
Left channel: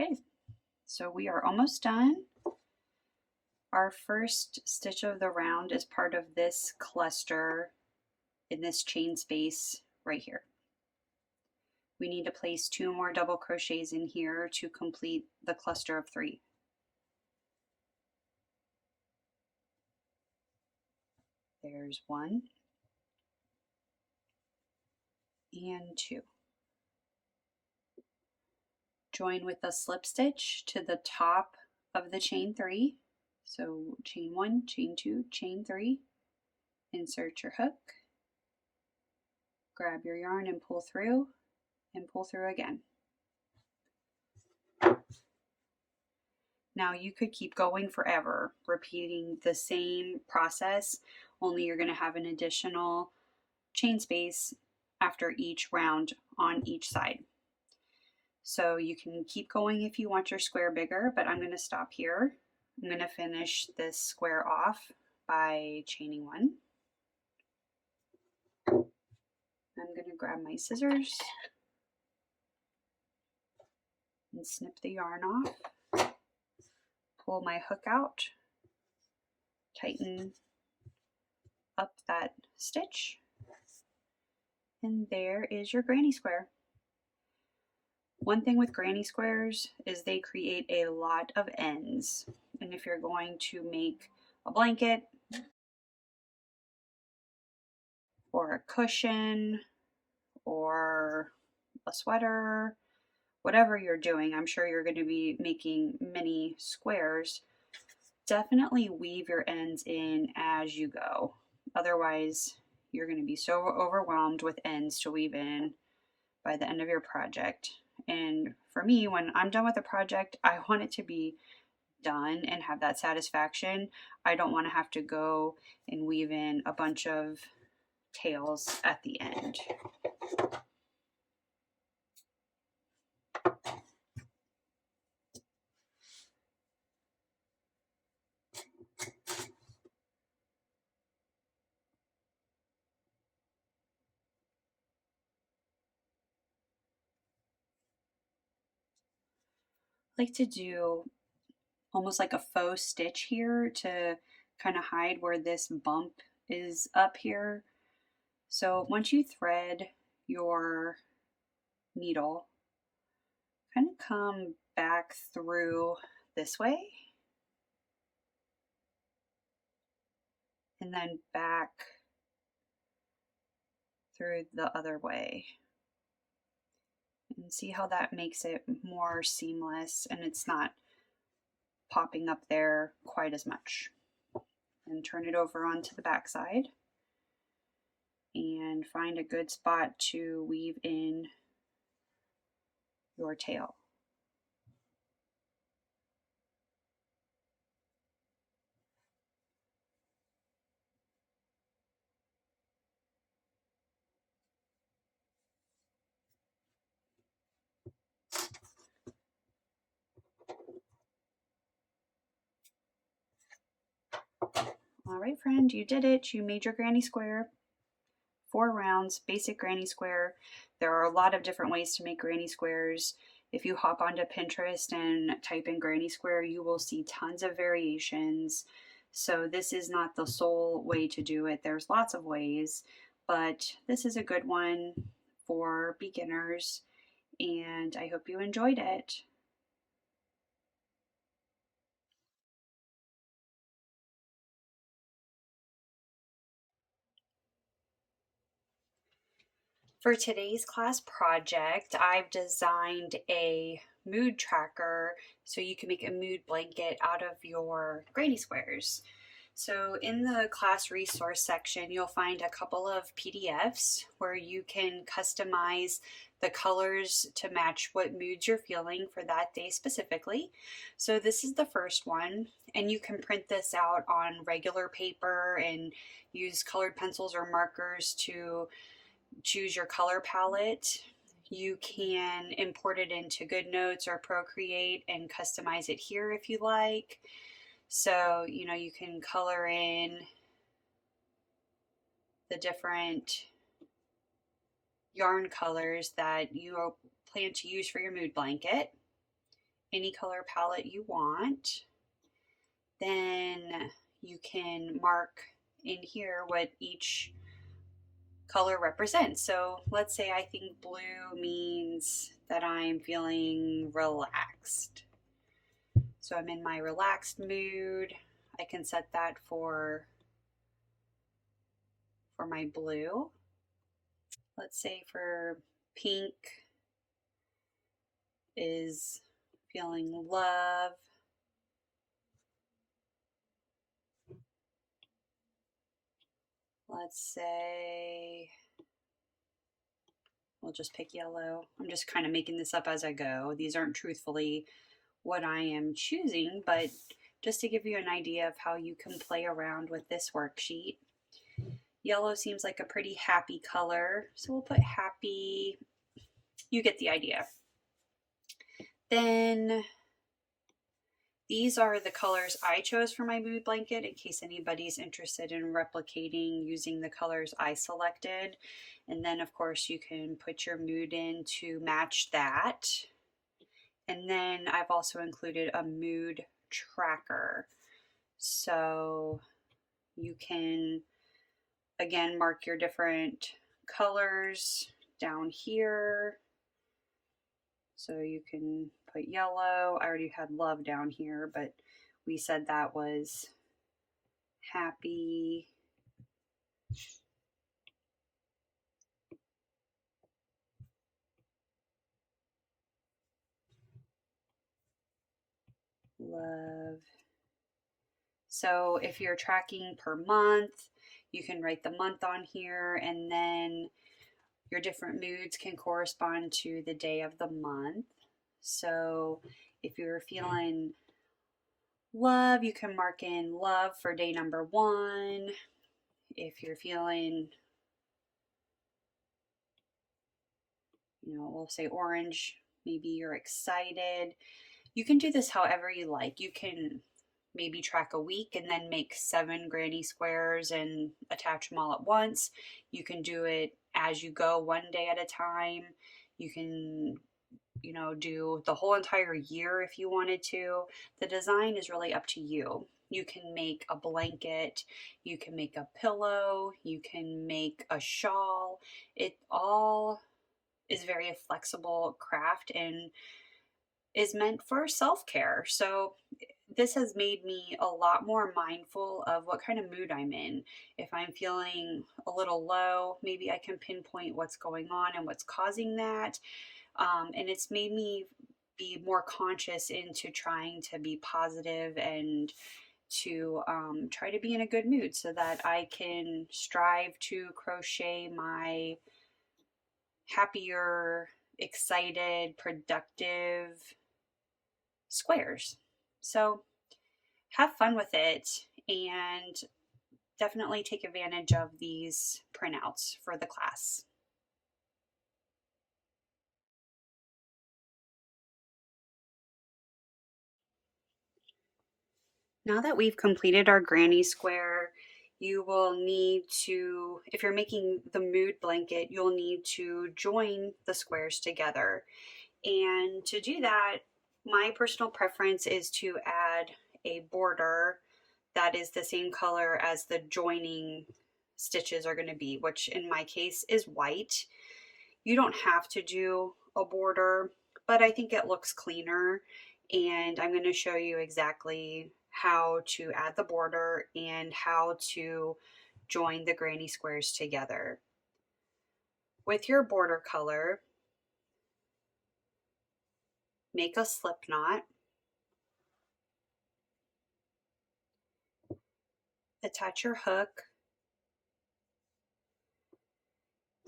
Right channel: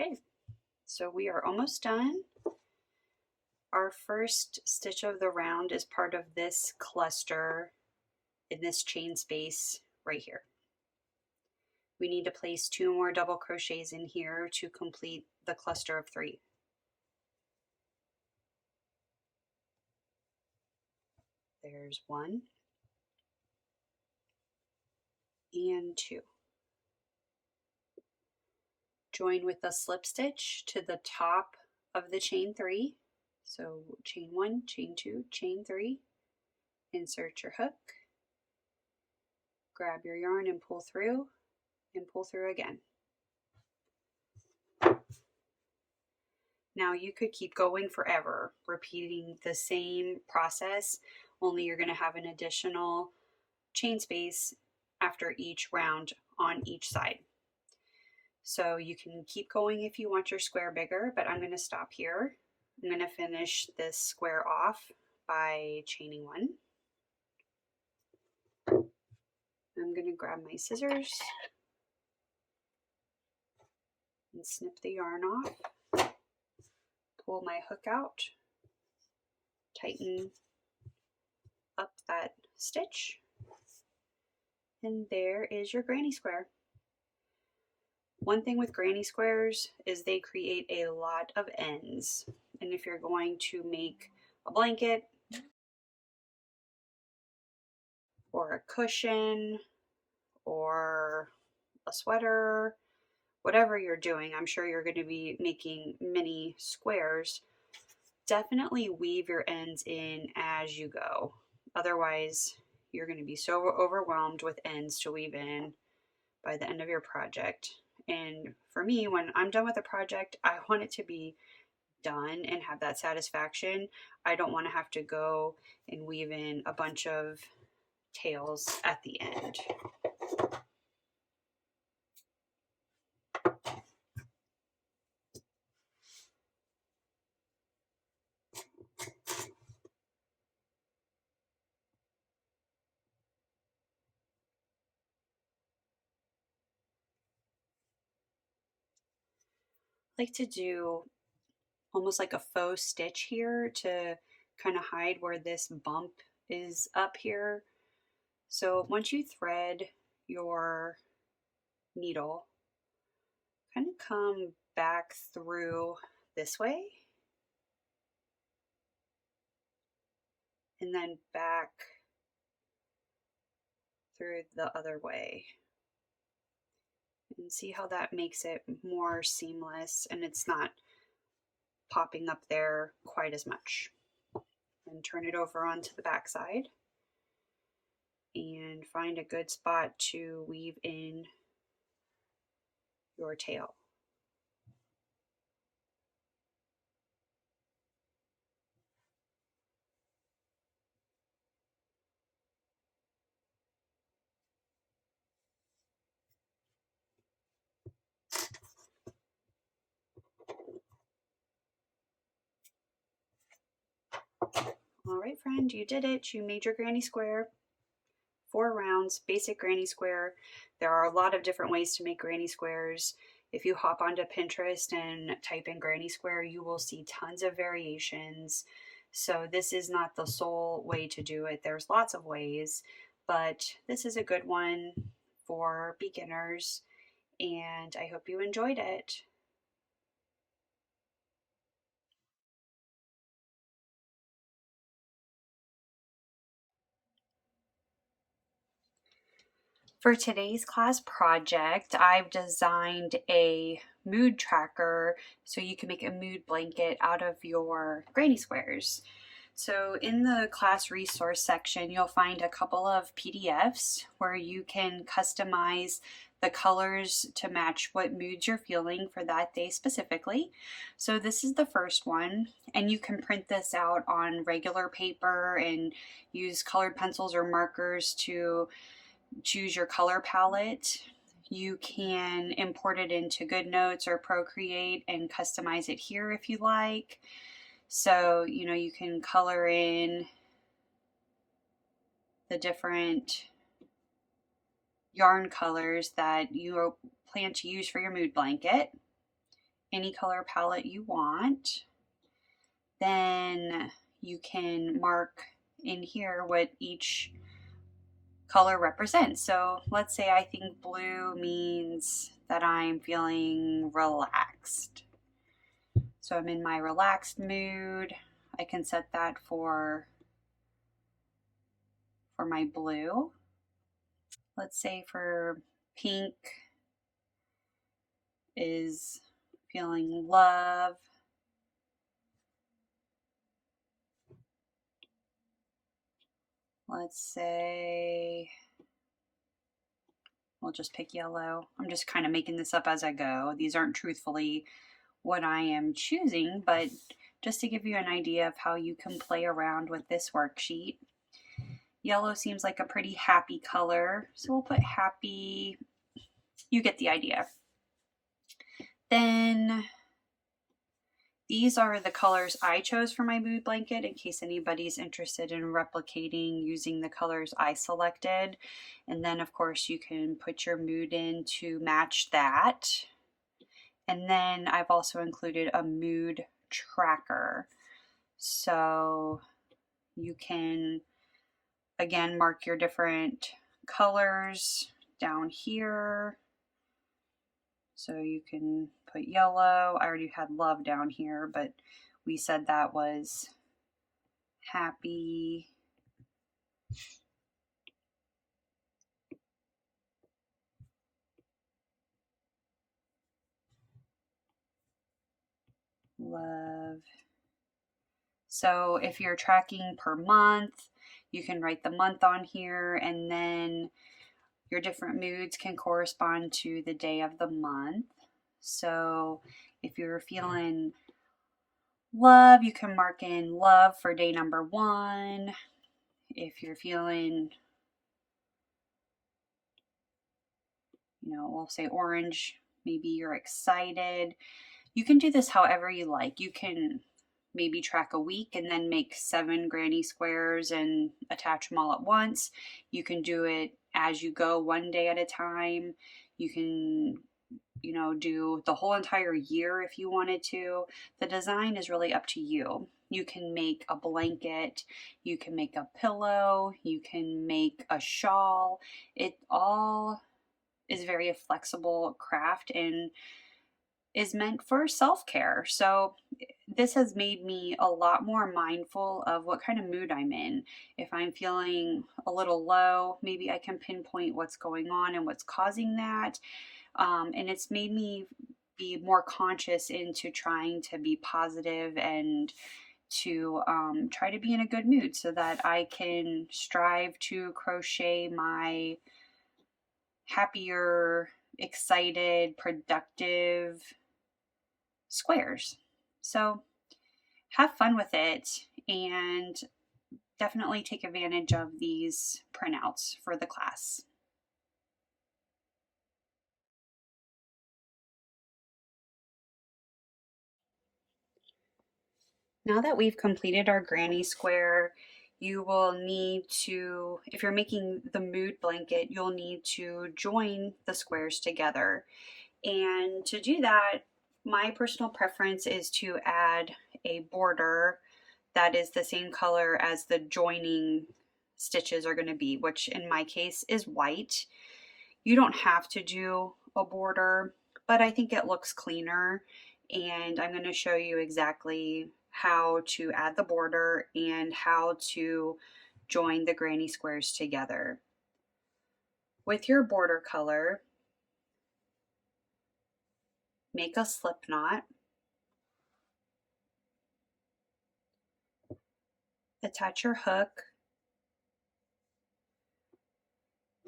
Okay, so we are almost done. Our first stitch of the round is part of this cluster in this chain space right here. We need to place 2 more double crochets in here to complete the cluster of 3. There's 1 and 2. Join with a slip stitch to the top of the chain 3. So chain 1, chain 2, chain 3. Insert your hook. Grab your yarn and pull through again. Now you could keep going forever, repeating the same process, only you're going to have an additional chain space after each round on each side. So you can keep going if you want your square bigger, but I'm going to stop here. I'm going to finish this square off by chaining 1. I'm going to grab my scissors and snip the yarn off. Pull my hook out, tighten up that stitch, and there is your granny square. One thing with granny squares is they create a lot of ends, and if you're going to make a blanket or a cushion or a sweater, whatever you're doing, I'm sure you're going to be making many squares. Definitely weave your ends in as you go. Otherwise, you're going to be so overwhelmed with ends to weave in by the end of your project. And for me, when I'm done with a project, I want it to be done and have that satisfaction. I don't want to have to go and weave in a bunch of tails at the end. Like to do almost like a faux stitch here to kind of hide where this bump is up here. So once you thread your needle, kind of come back through this way and then back through the other way. And see how that makes it more seamless and it's not popping up there quite as much. And turn it over onto the back side. and find a good spot to weave in your tail. All right, friend, you did it. You made your granny square. 4 rounds, basic granny square. There are a lot of different ways to make granny squares. If you hop onto Pinterest and type in granny square, you will see tons of variations. So this is not the sole way to do it. There's lots of ways, but this is a good one for beginners, and I hope you enjoyed it. For today's class project, I've designed a mood tracker so you can make a mood blanket out of your granny squares. So in the class resource section, you'll find a couple of PDFs where you can customize the colors to match what moods you're feeling for that day specifically. So this is the first one, and you can print this out on regular paper and use colored pencils or markers to choose your color palette. You can import it into GoodNotes or Procreate and customize it here if you like. So, you can color in the different yarn colors that you plan to use for your mood blanket, any color palette you want. Then you can mark in here what each color represents. So let's say I think blue means that I'm feeling relaxed. So I'm in my relaxed mood. I can set that for my blue. Let's say for pink is feeling love. Let's say we'll just pick yellow. I'm just kind of making this up as I go. These aren't truthfully what I am choosing, but just to give you an idea of how you can play around with this worksheet. Yellow seems like a pretty happy color, so we'll put happy. You get the idea. Then these are the colors I chose for my mood blanket in case anybody's interested in replicating using the colors I selected. And then of course you can put your mood in to match that. And then I've also included a mood tracker. So you can, again, mark your different colors down here. So you can put yellow. I already had love down here, but we said that was happy. Love. So if you're tracking per month, you can write the month on here, and then your different moods can correspond to the day of the month. So if you're feeling love, you can mark in love for day number 1. If you're feeling, we'll say orange, maybe you're excited. You can do this however you like. You can maybe track a week and then make 7 granny squares and attach them all at once. You can do it as you go, one day at a time. You can, do the whole entire year if you wanted to. The design is really up to you. You can make a blanket, you can make a pillow, you can make a shawl. It all is very flexible craft and is meant for self-care. So this has made me a lot more mindful of what kind of mood I'm in. If I'm feeling a little low, maybe I can pinpoint what's going on and what's causing that. And it's made me be more conscious into trying to be positive and to try to be in a good mood so that I can strive to crochet my happier, excited, productive squares. So have fun with it and definitely take advantage of these printouts for the class. Now that we've completed our granny square, you will need to, if you're making the mood blanket, you'll need to join the squares together. And to do that, my personal preference is to add a border that is the same color as the joining stitches are going to be, which in my case is white. You don't have to do a border, but I think it looks cleaner, and I'm going to show you exactly how to add the border and how to join the granny squares together. With your border color, make a slip knot, attach your hook,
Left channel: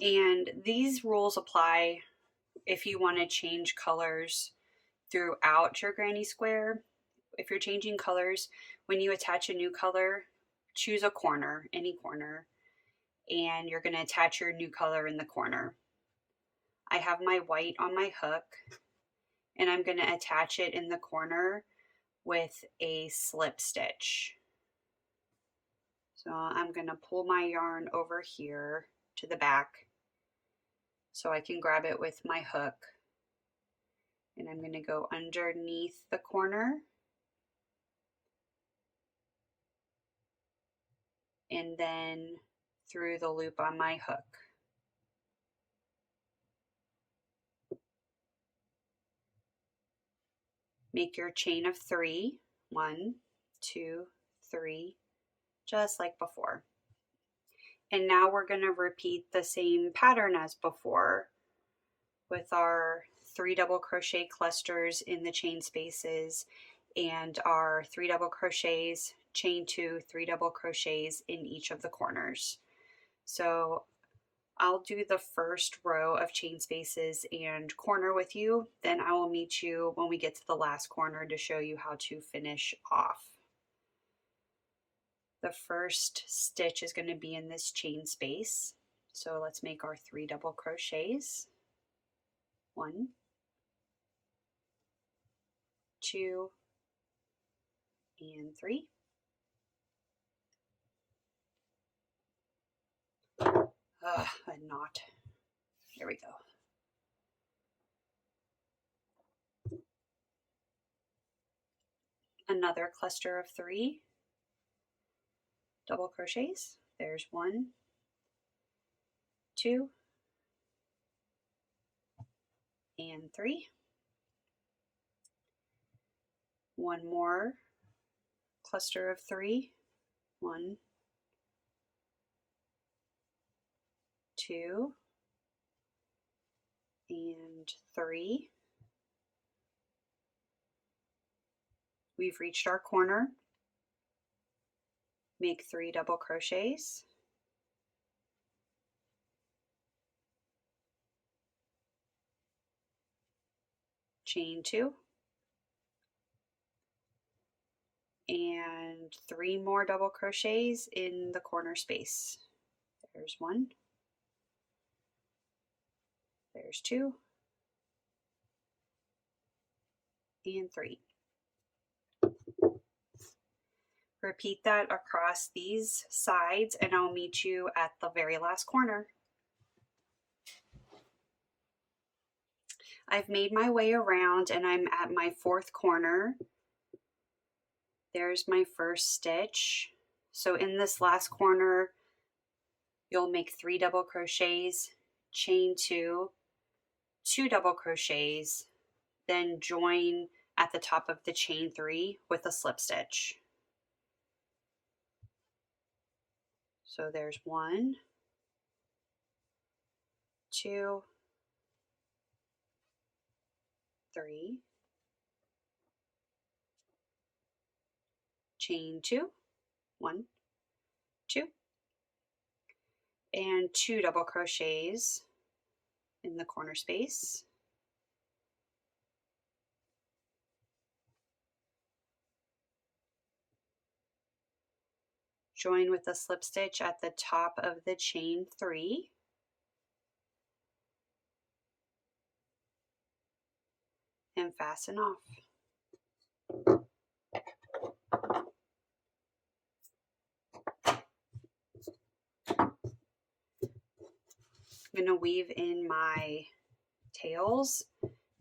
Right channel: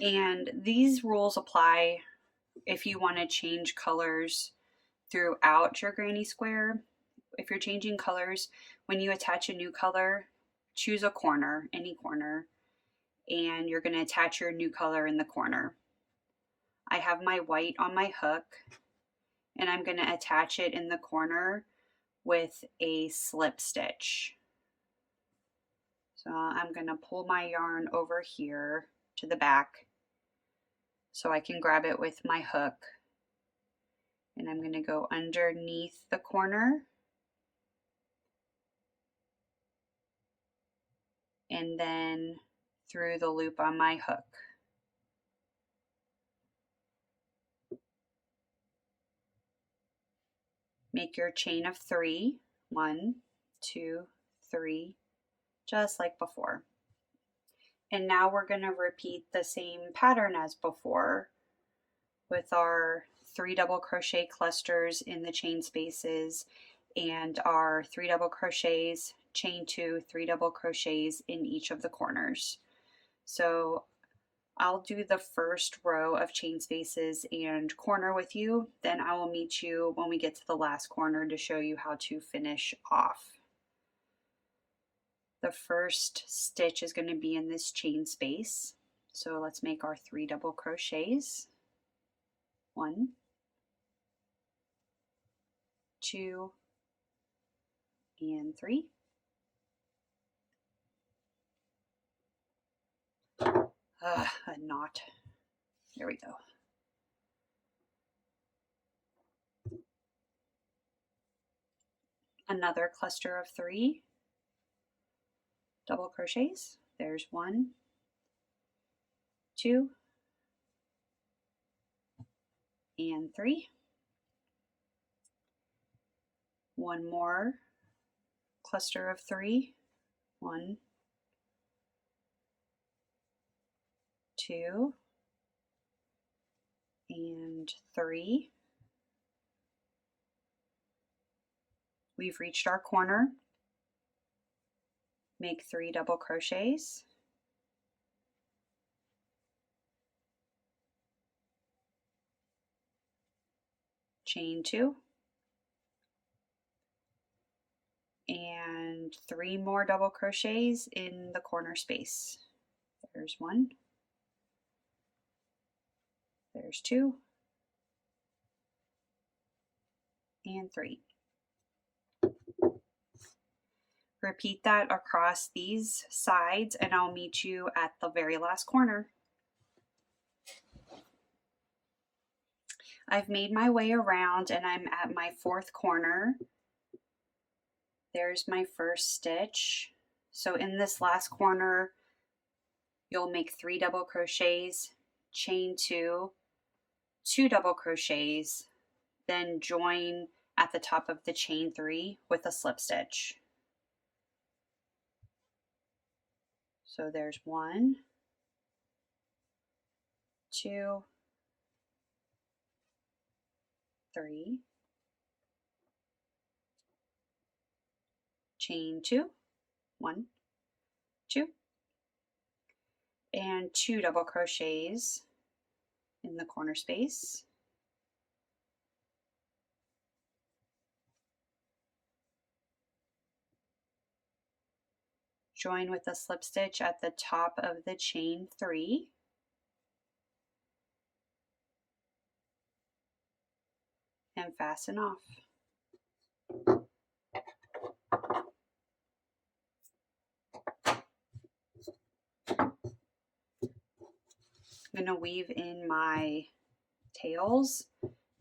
and these rules apply if you want to change colors throughout your granny square. If you're changing colors, when you attach a new color, choose a corner, any corner, and you're going to attach your new color in the corner. I have my white on my hook, and I'm going to attach it in the corner with a slip stitch. So I'm going to pull my yarn over here to the back so I can grab it with my hook, and I'm going to go underneath the corner and then through the loop on my hook. Make your chain of 3, 1, 2, 3, just like before. And now we're going to repeat the same pattern as before with our 3 double crochet clusters in the chain spaces and our 3 double crochets, chain 2, 3 double crochets in each of the corners. So I'll do the first row of chain spaces and corner with you, then I will meet you when we get to the last corner to show you how to finish off. The first stitch is going to be in this chain space, so let's make our 3 double crochets. 1, 2, and 3. A knot. There we go. Another cluster of 3 double crochets. There's 1, 2, and 3. One more cluster of 3. 1, 2, and 3. We've reached our corner. Make 3 double crochets. Chain 2. And 3 more double crochets in the corner space. There's 1. There's 2. And 3. Repeat that across these sides and I'll meet you at the very last corner. I've made my way around and I'm at my 4th corner. There's my first stitch. So in this last corner, you'll make 3 double crochets, chain 2, 2 double crochets, then join at the top of the chain 3 with a slip stitch. So there's 1, 2, 3, chain 2, 1, 2, and 2 double crochets in the corner space. Join with a slip stitch at the top of the chain 3. And fasten off. I'm going to weave in my tails,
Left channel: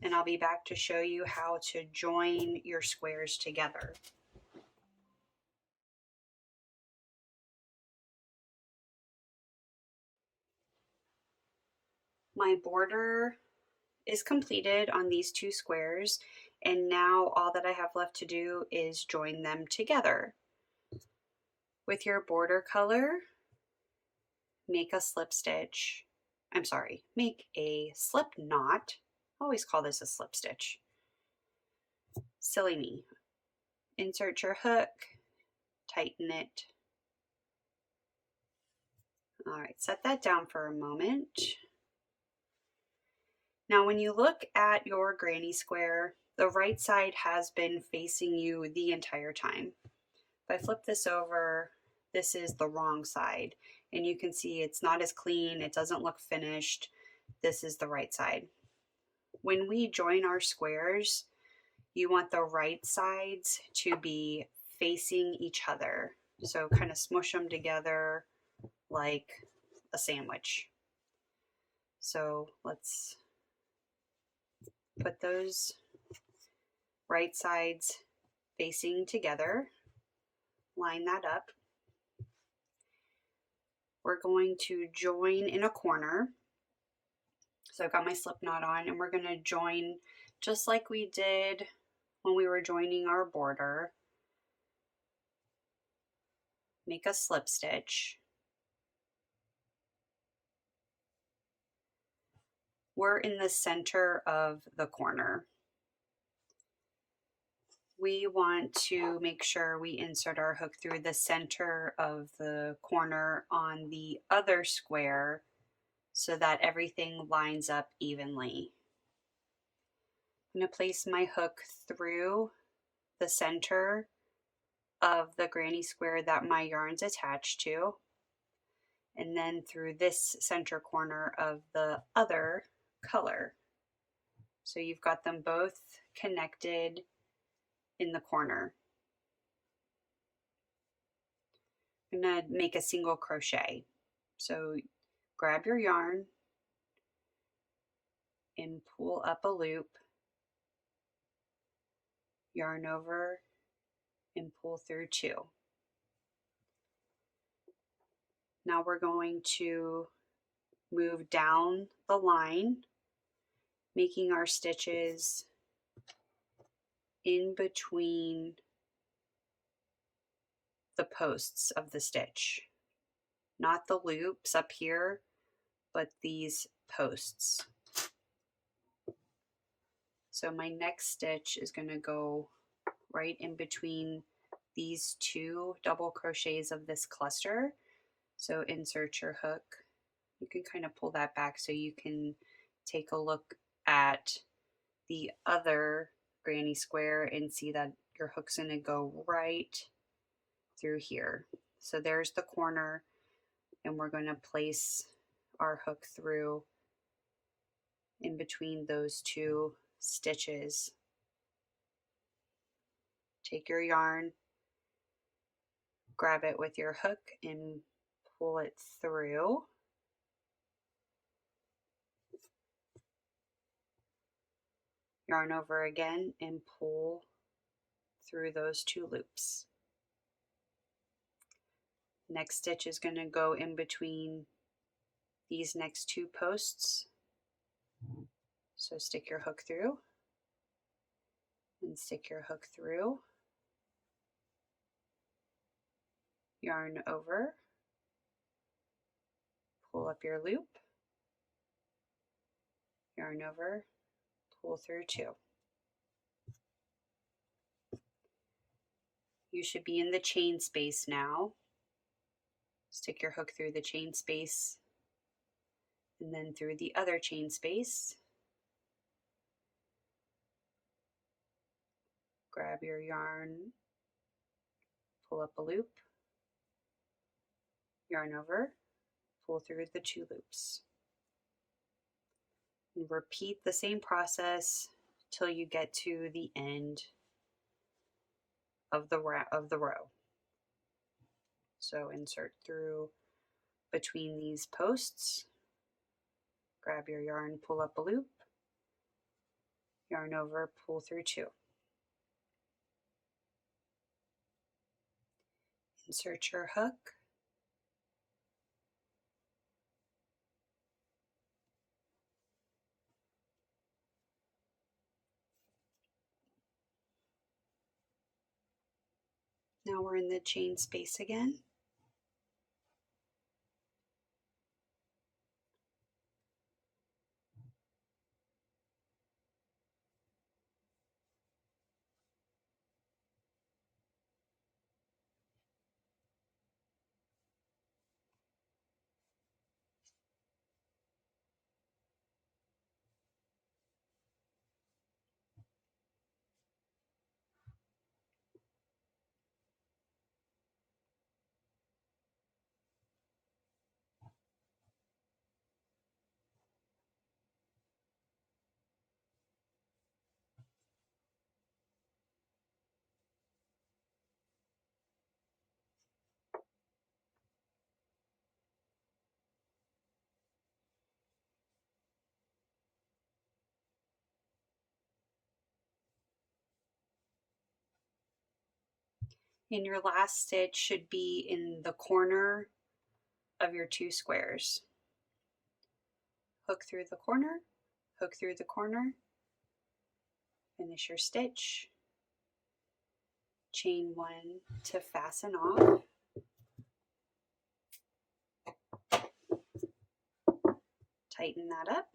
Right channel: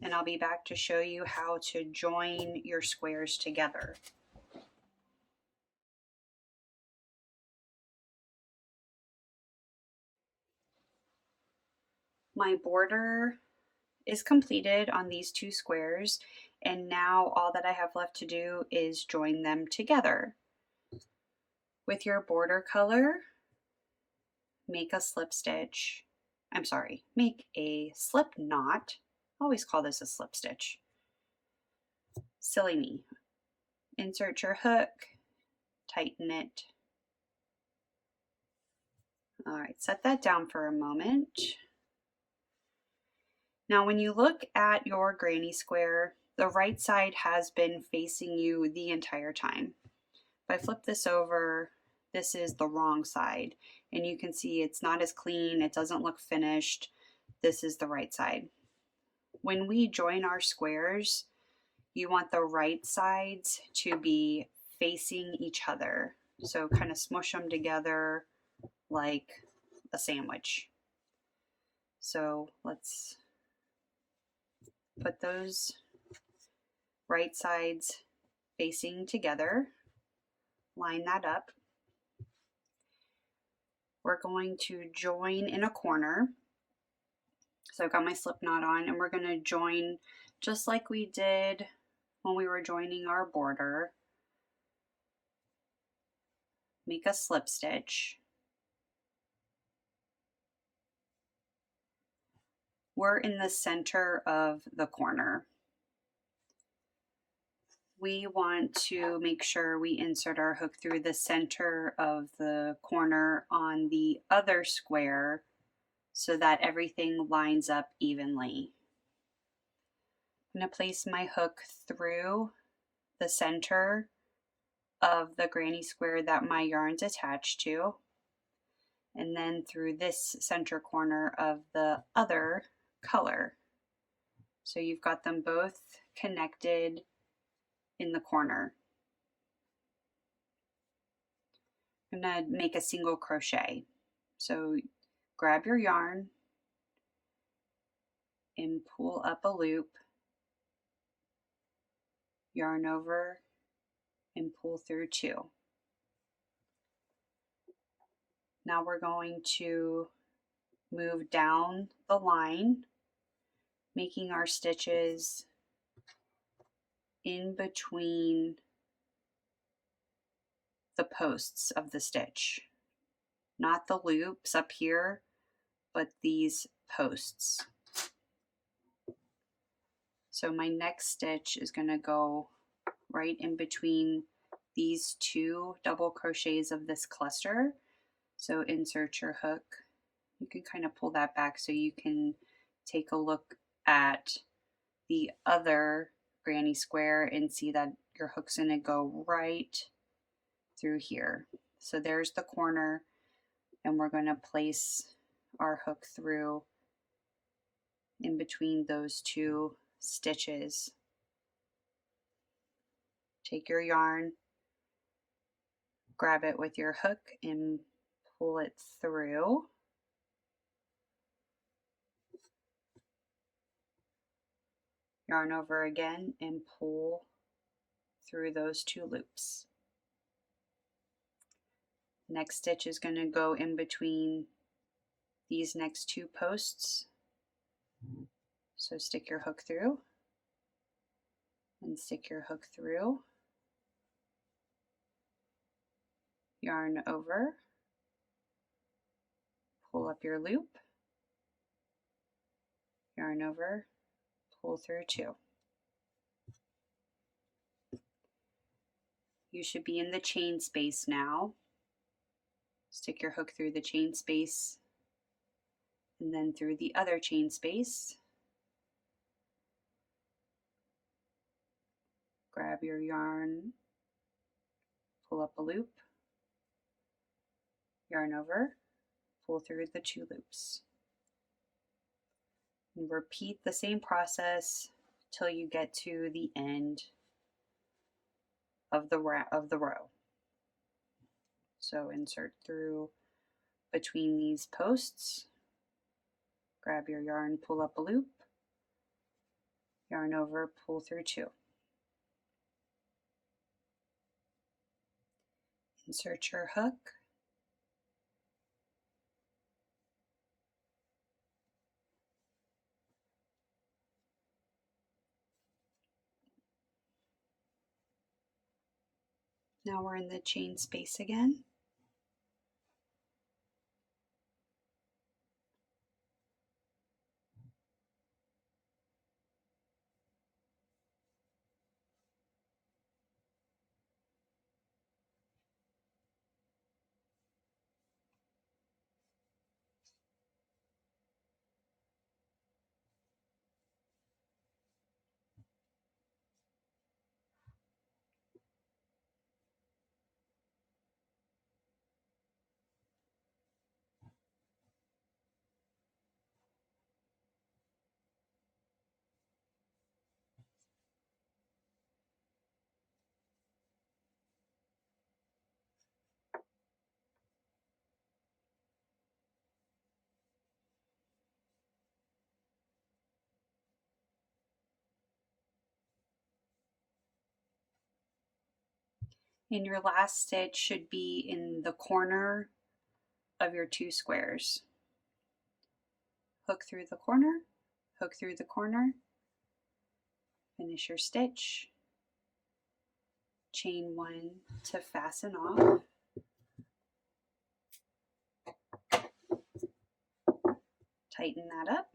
and I'll be back to show you how to join your squares together. My border is completed on these 2 squares, and now all that I have left to do is join them together. With your border color, make a slip stitch. Make a slip knot. I always call this a slip stitch. Silly me. Insert your hook, tighten it. All right, set that down for a moment. Now when you look at your granny square, the right side has been facing you the entire time. If I flip this over, this is the wrong side, and you can see it's not as clean, it doesn't look finished. This is the right side. When we join our squares, you want the right sides to be facing each other. So kind of smush them together like a sandwich. So let's put those right sides facing together. Line that up. We're going to join in a corner. So I've got my slip knot on, and we're going to join just like we did when we were joining our border. Make a slip stitch. We're in the center of the corner. We want to make sure we insert our hook through the center of the corner on the other square so that everything lines up evenly. I'm going to place my hook through the center of the granny square that my yarn's attached to, and then through this center corner of the other color. So you've got them both connected in the corner. I'm going to make a single crochet. So grab your yarn and pull up a loop, yarn over and pull through 2. Now we're going to move down the line, making our stitches in between the posts of the stitch. Not the loops up here, but these posts. So my next stitch is going to go right in between these 2 double crochets of this cluster. So insert your hook. You can kind of pull that back so you can take a look at the other granny square and see that your hook's going to go right through here. So there's the corner, and we're going to place our hook through in between those 2 stitches. Take your yarn, grab it with your hook and pull it through. Yarn over again and pull through those 2 loops. Next stitch is going to go in between these next 2 posts. So stick your hook through and stick your hook through. Yarn over, pull up your loop, yarn over, pull through 2. You should be in the chain space now. Stick your hook through the chain space and then through the other chain space. Grab your yarn, pull up a loop, yarn over, pull through the 2 loops. And repeat the same process till you get to the end of the row. So insert through between these posts, grab your yarn, pull up a loop, yarn over, pull through 2. Insert your hook, now we're in the chain space again. And your last stitch should be in the corner of your 2 squares. Hook through the corner, hook through the corner, finish your stitch, chain 1 to fasten off, tighten that up.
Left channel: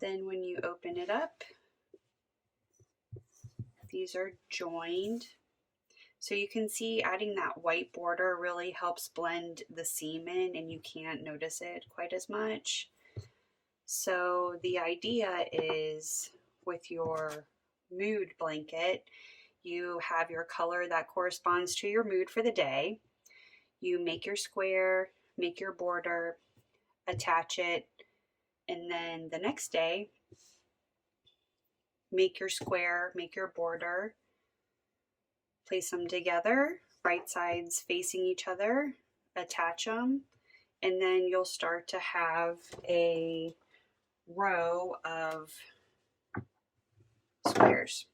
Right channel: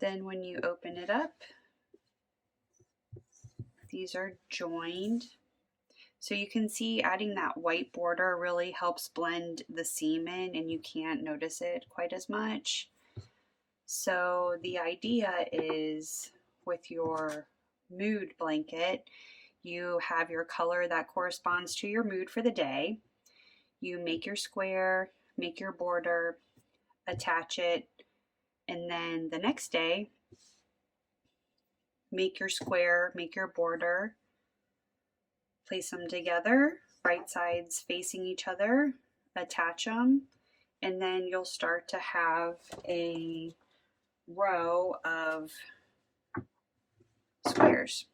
Then when you open it up, these are joined. So you can see adding that white border really helps blend the seam in and you can't notice it quite as much. So the idea is with your mood blanket, you have your color that corresponds to your mood for the day. You make your square, make your border, attach it, and then the next day, make your square, make your border, place them together, right sides facing each other, attach them, and then you'll start to have a row of squares.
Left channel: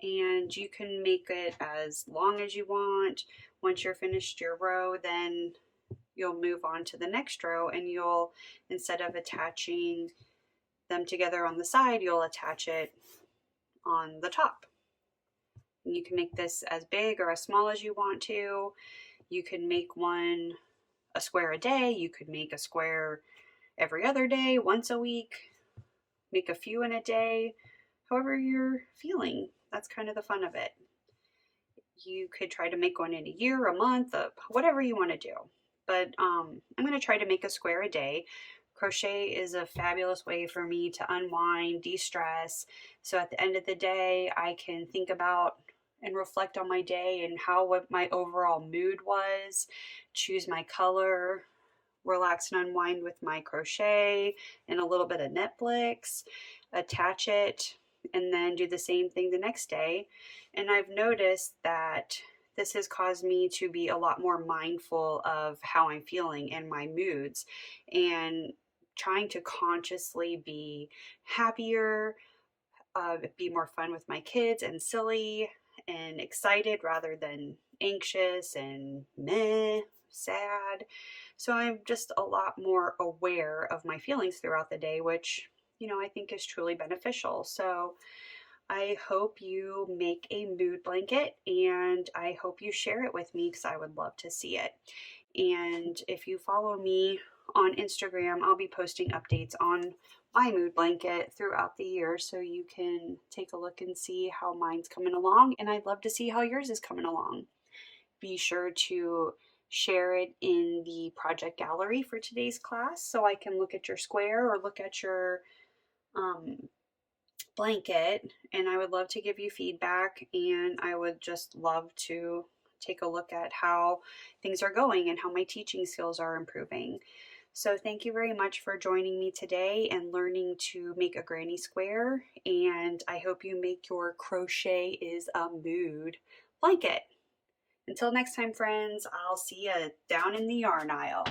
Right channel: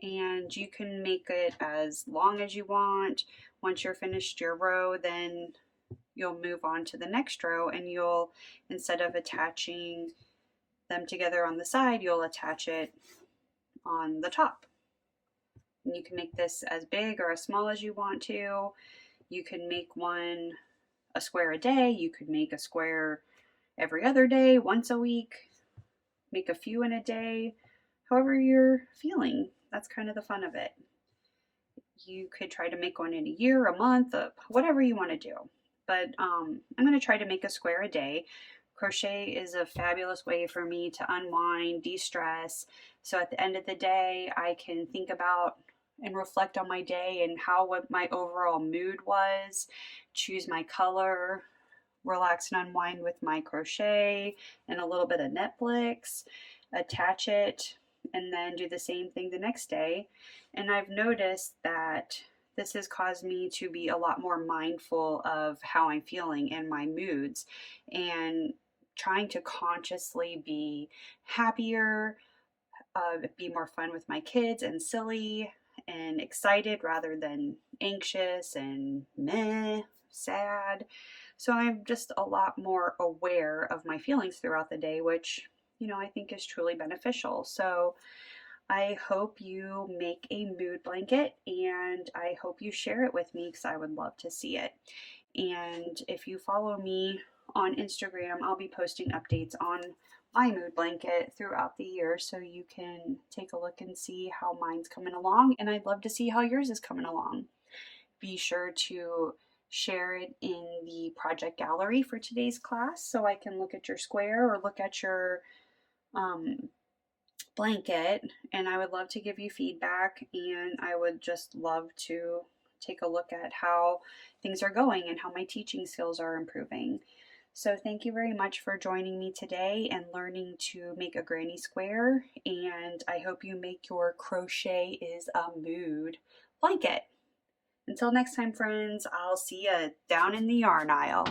And you can make it as long as you want. Once you're finished your row, then you'll move on to the next row and you'll, instead of attaching them together on the side, you'll attach it on the top. And you can make this as big or as small as you want to. You can make a square a day. You could make a square every other day, once a week, make a few in a day, however you're feeling. That's kind of the fun of it. You could try to make one in a year, a month, whatever you want to do. But I'm going to try to make a square a day. Crochet is a fabulous way for me to unwind, de-stress. So at the end of the day, I can think about and reflect on my day and what my overall mood was, choose my color, relax and unwind with my crochet and a little bit of Netflix, attach it, and then do the same thing the next day. And I've noticed that this has caused me to be a lot more mindful of how I'm feeling and my moods, and trying to consciously be happier, be more fun with my kids and silly and excited rather than anxious and meh, sad. So I'm just a lot more aware of my feelings throughout the day, which, I think is truly beneficial. So I hope you make a mood blanket and I hope you share it with me because I would love to see it. And if you follow me on Instagram, I'll be posting updates on my mood blanket throughout the year, so you can take a look and see how mine's coming along, and I'd love to see how yours is coming along. Be sure to share it in the project gallery for today's class so I can look at your square or look at your blanket, and I would love to give you feedback, and I would just love to take a look at how things are going and how my teaching skills are improving. So thank you very much for joining me today and learning to make a granny square, and I hope you make your crochet is a mood blanket. Until next time, friends, I'll see you down in the yarn aisle.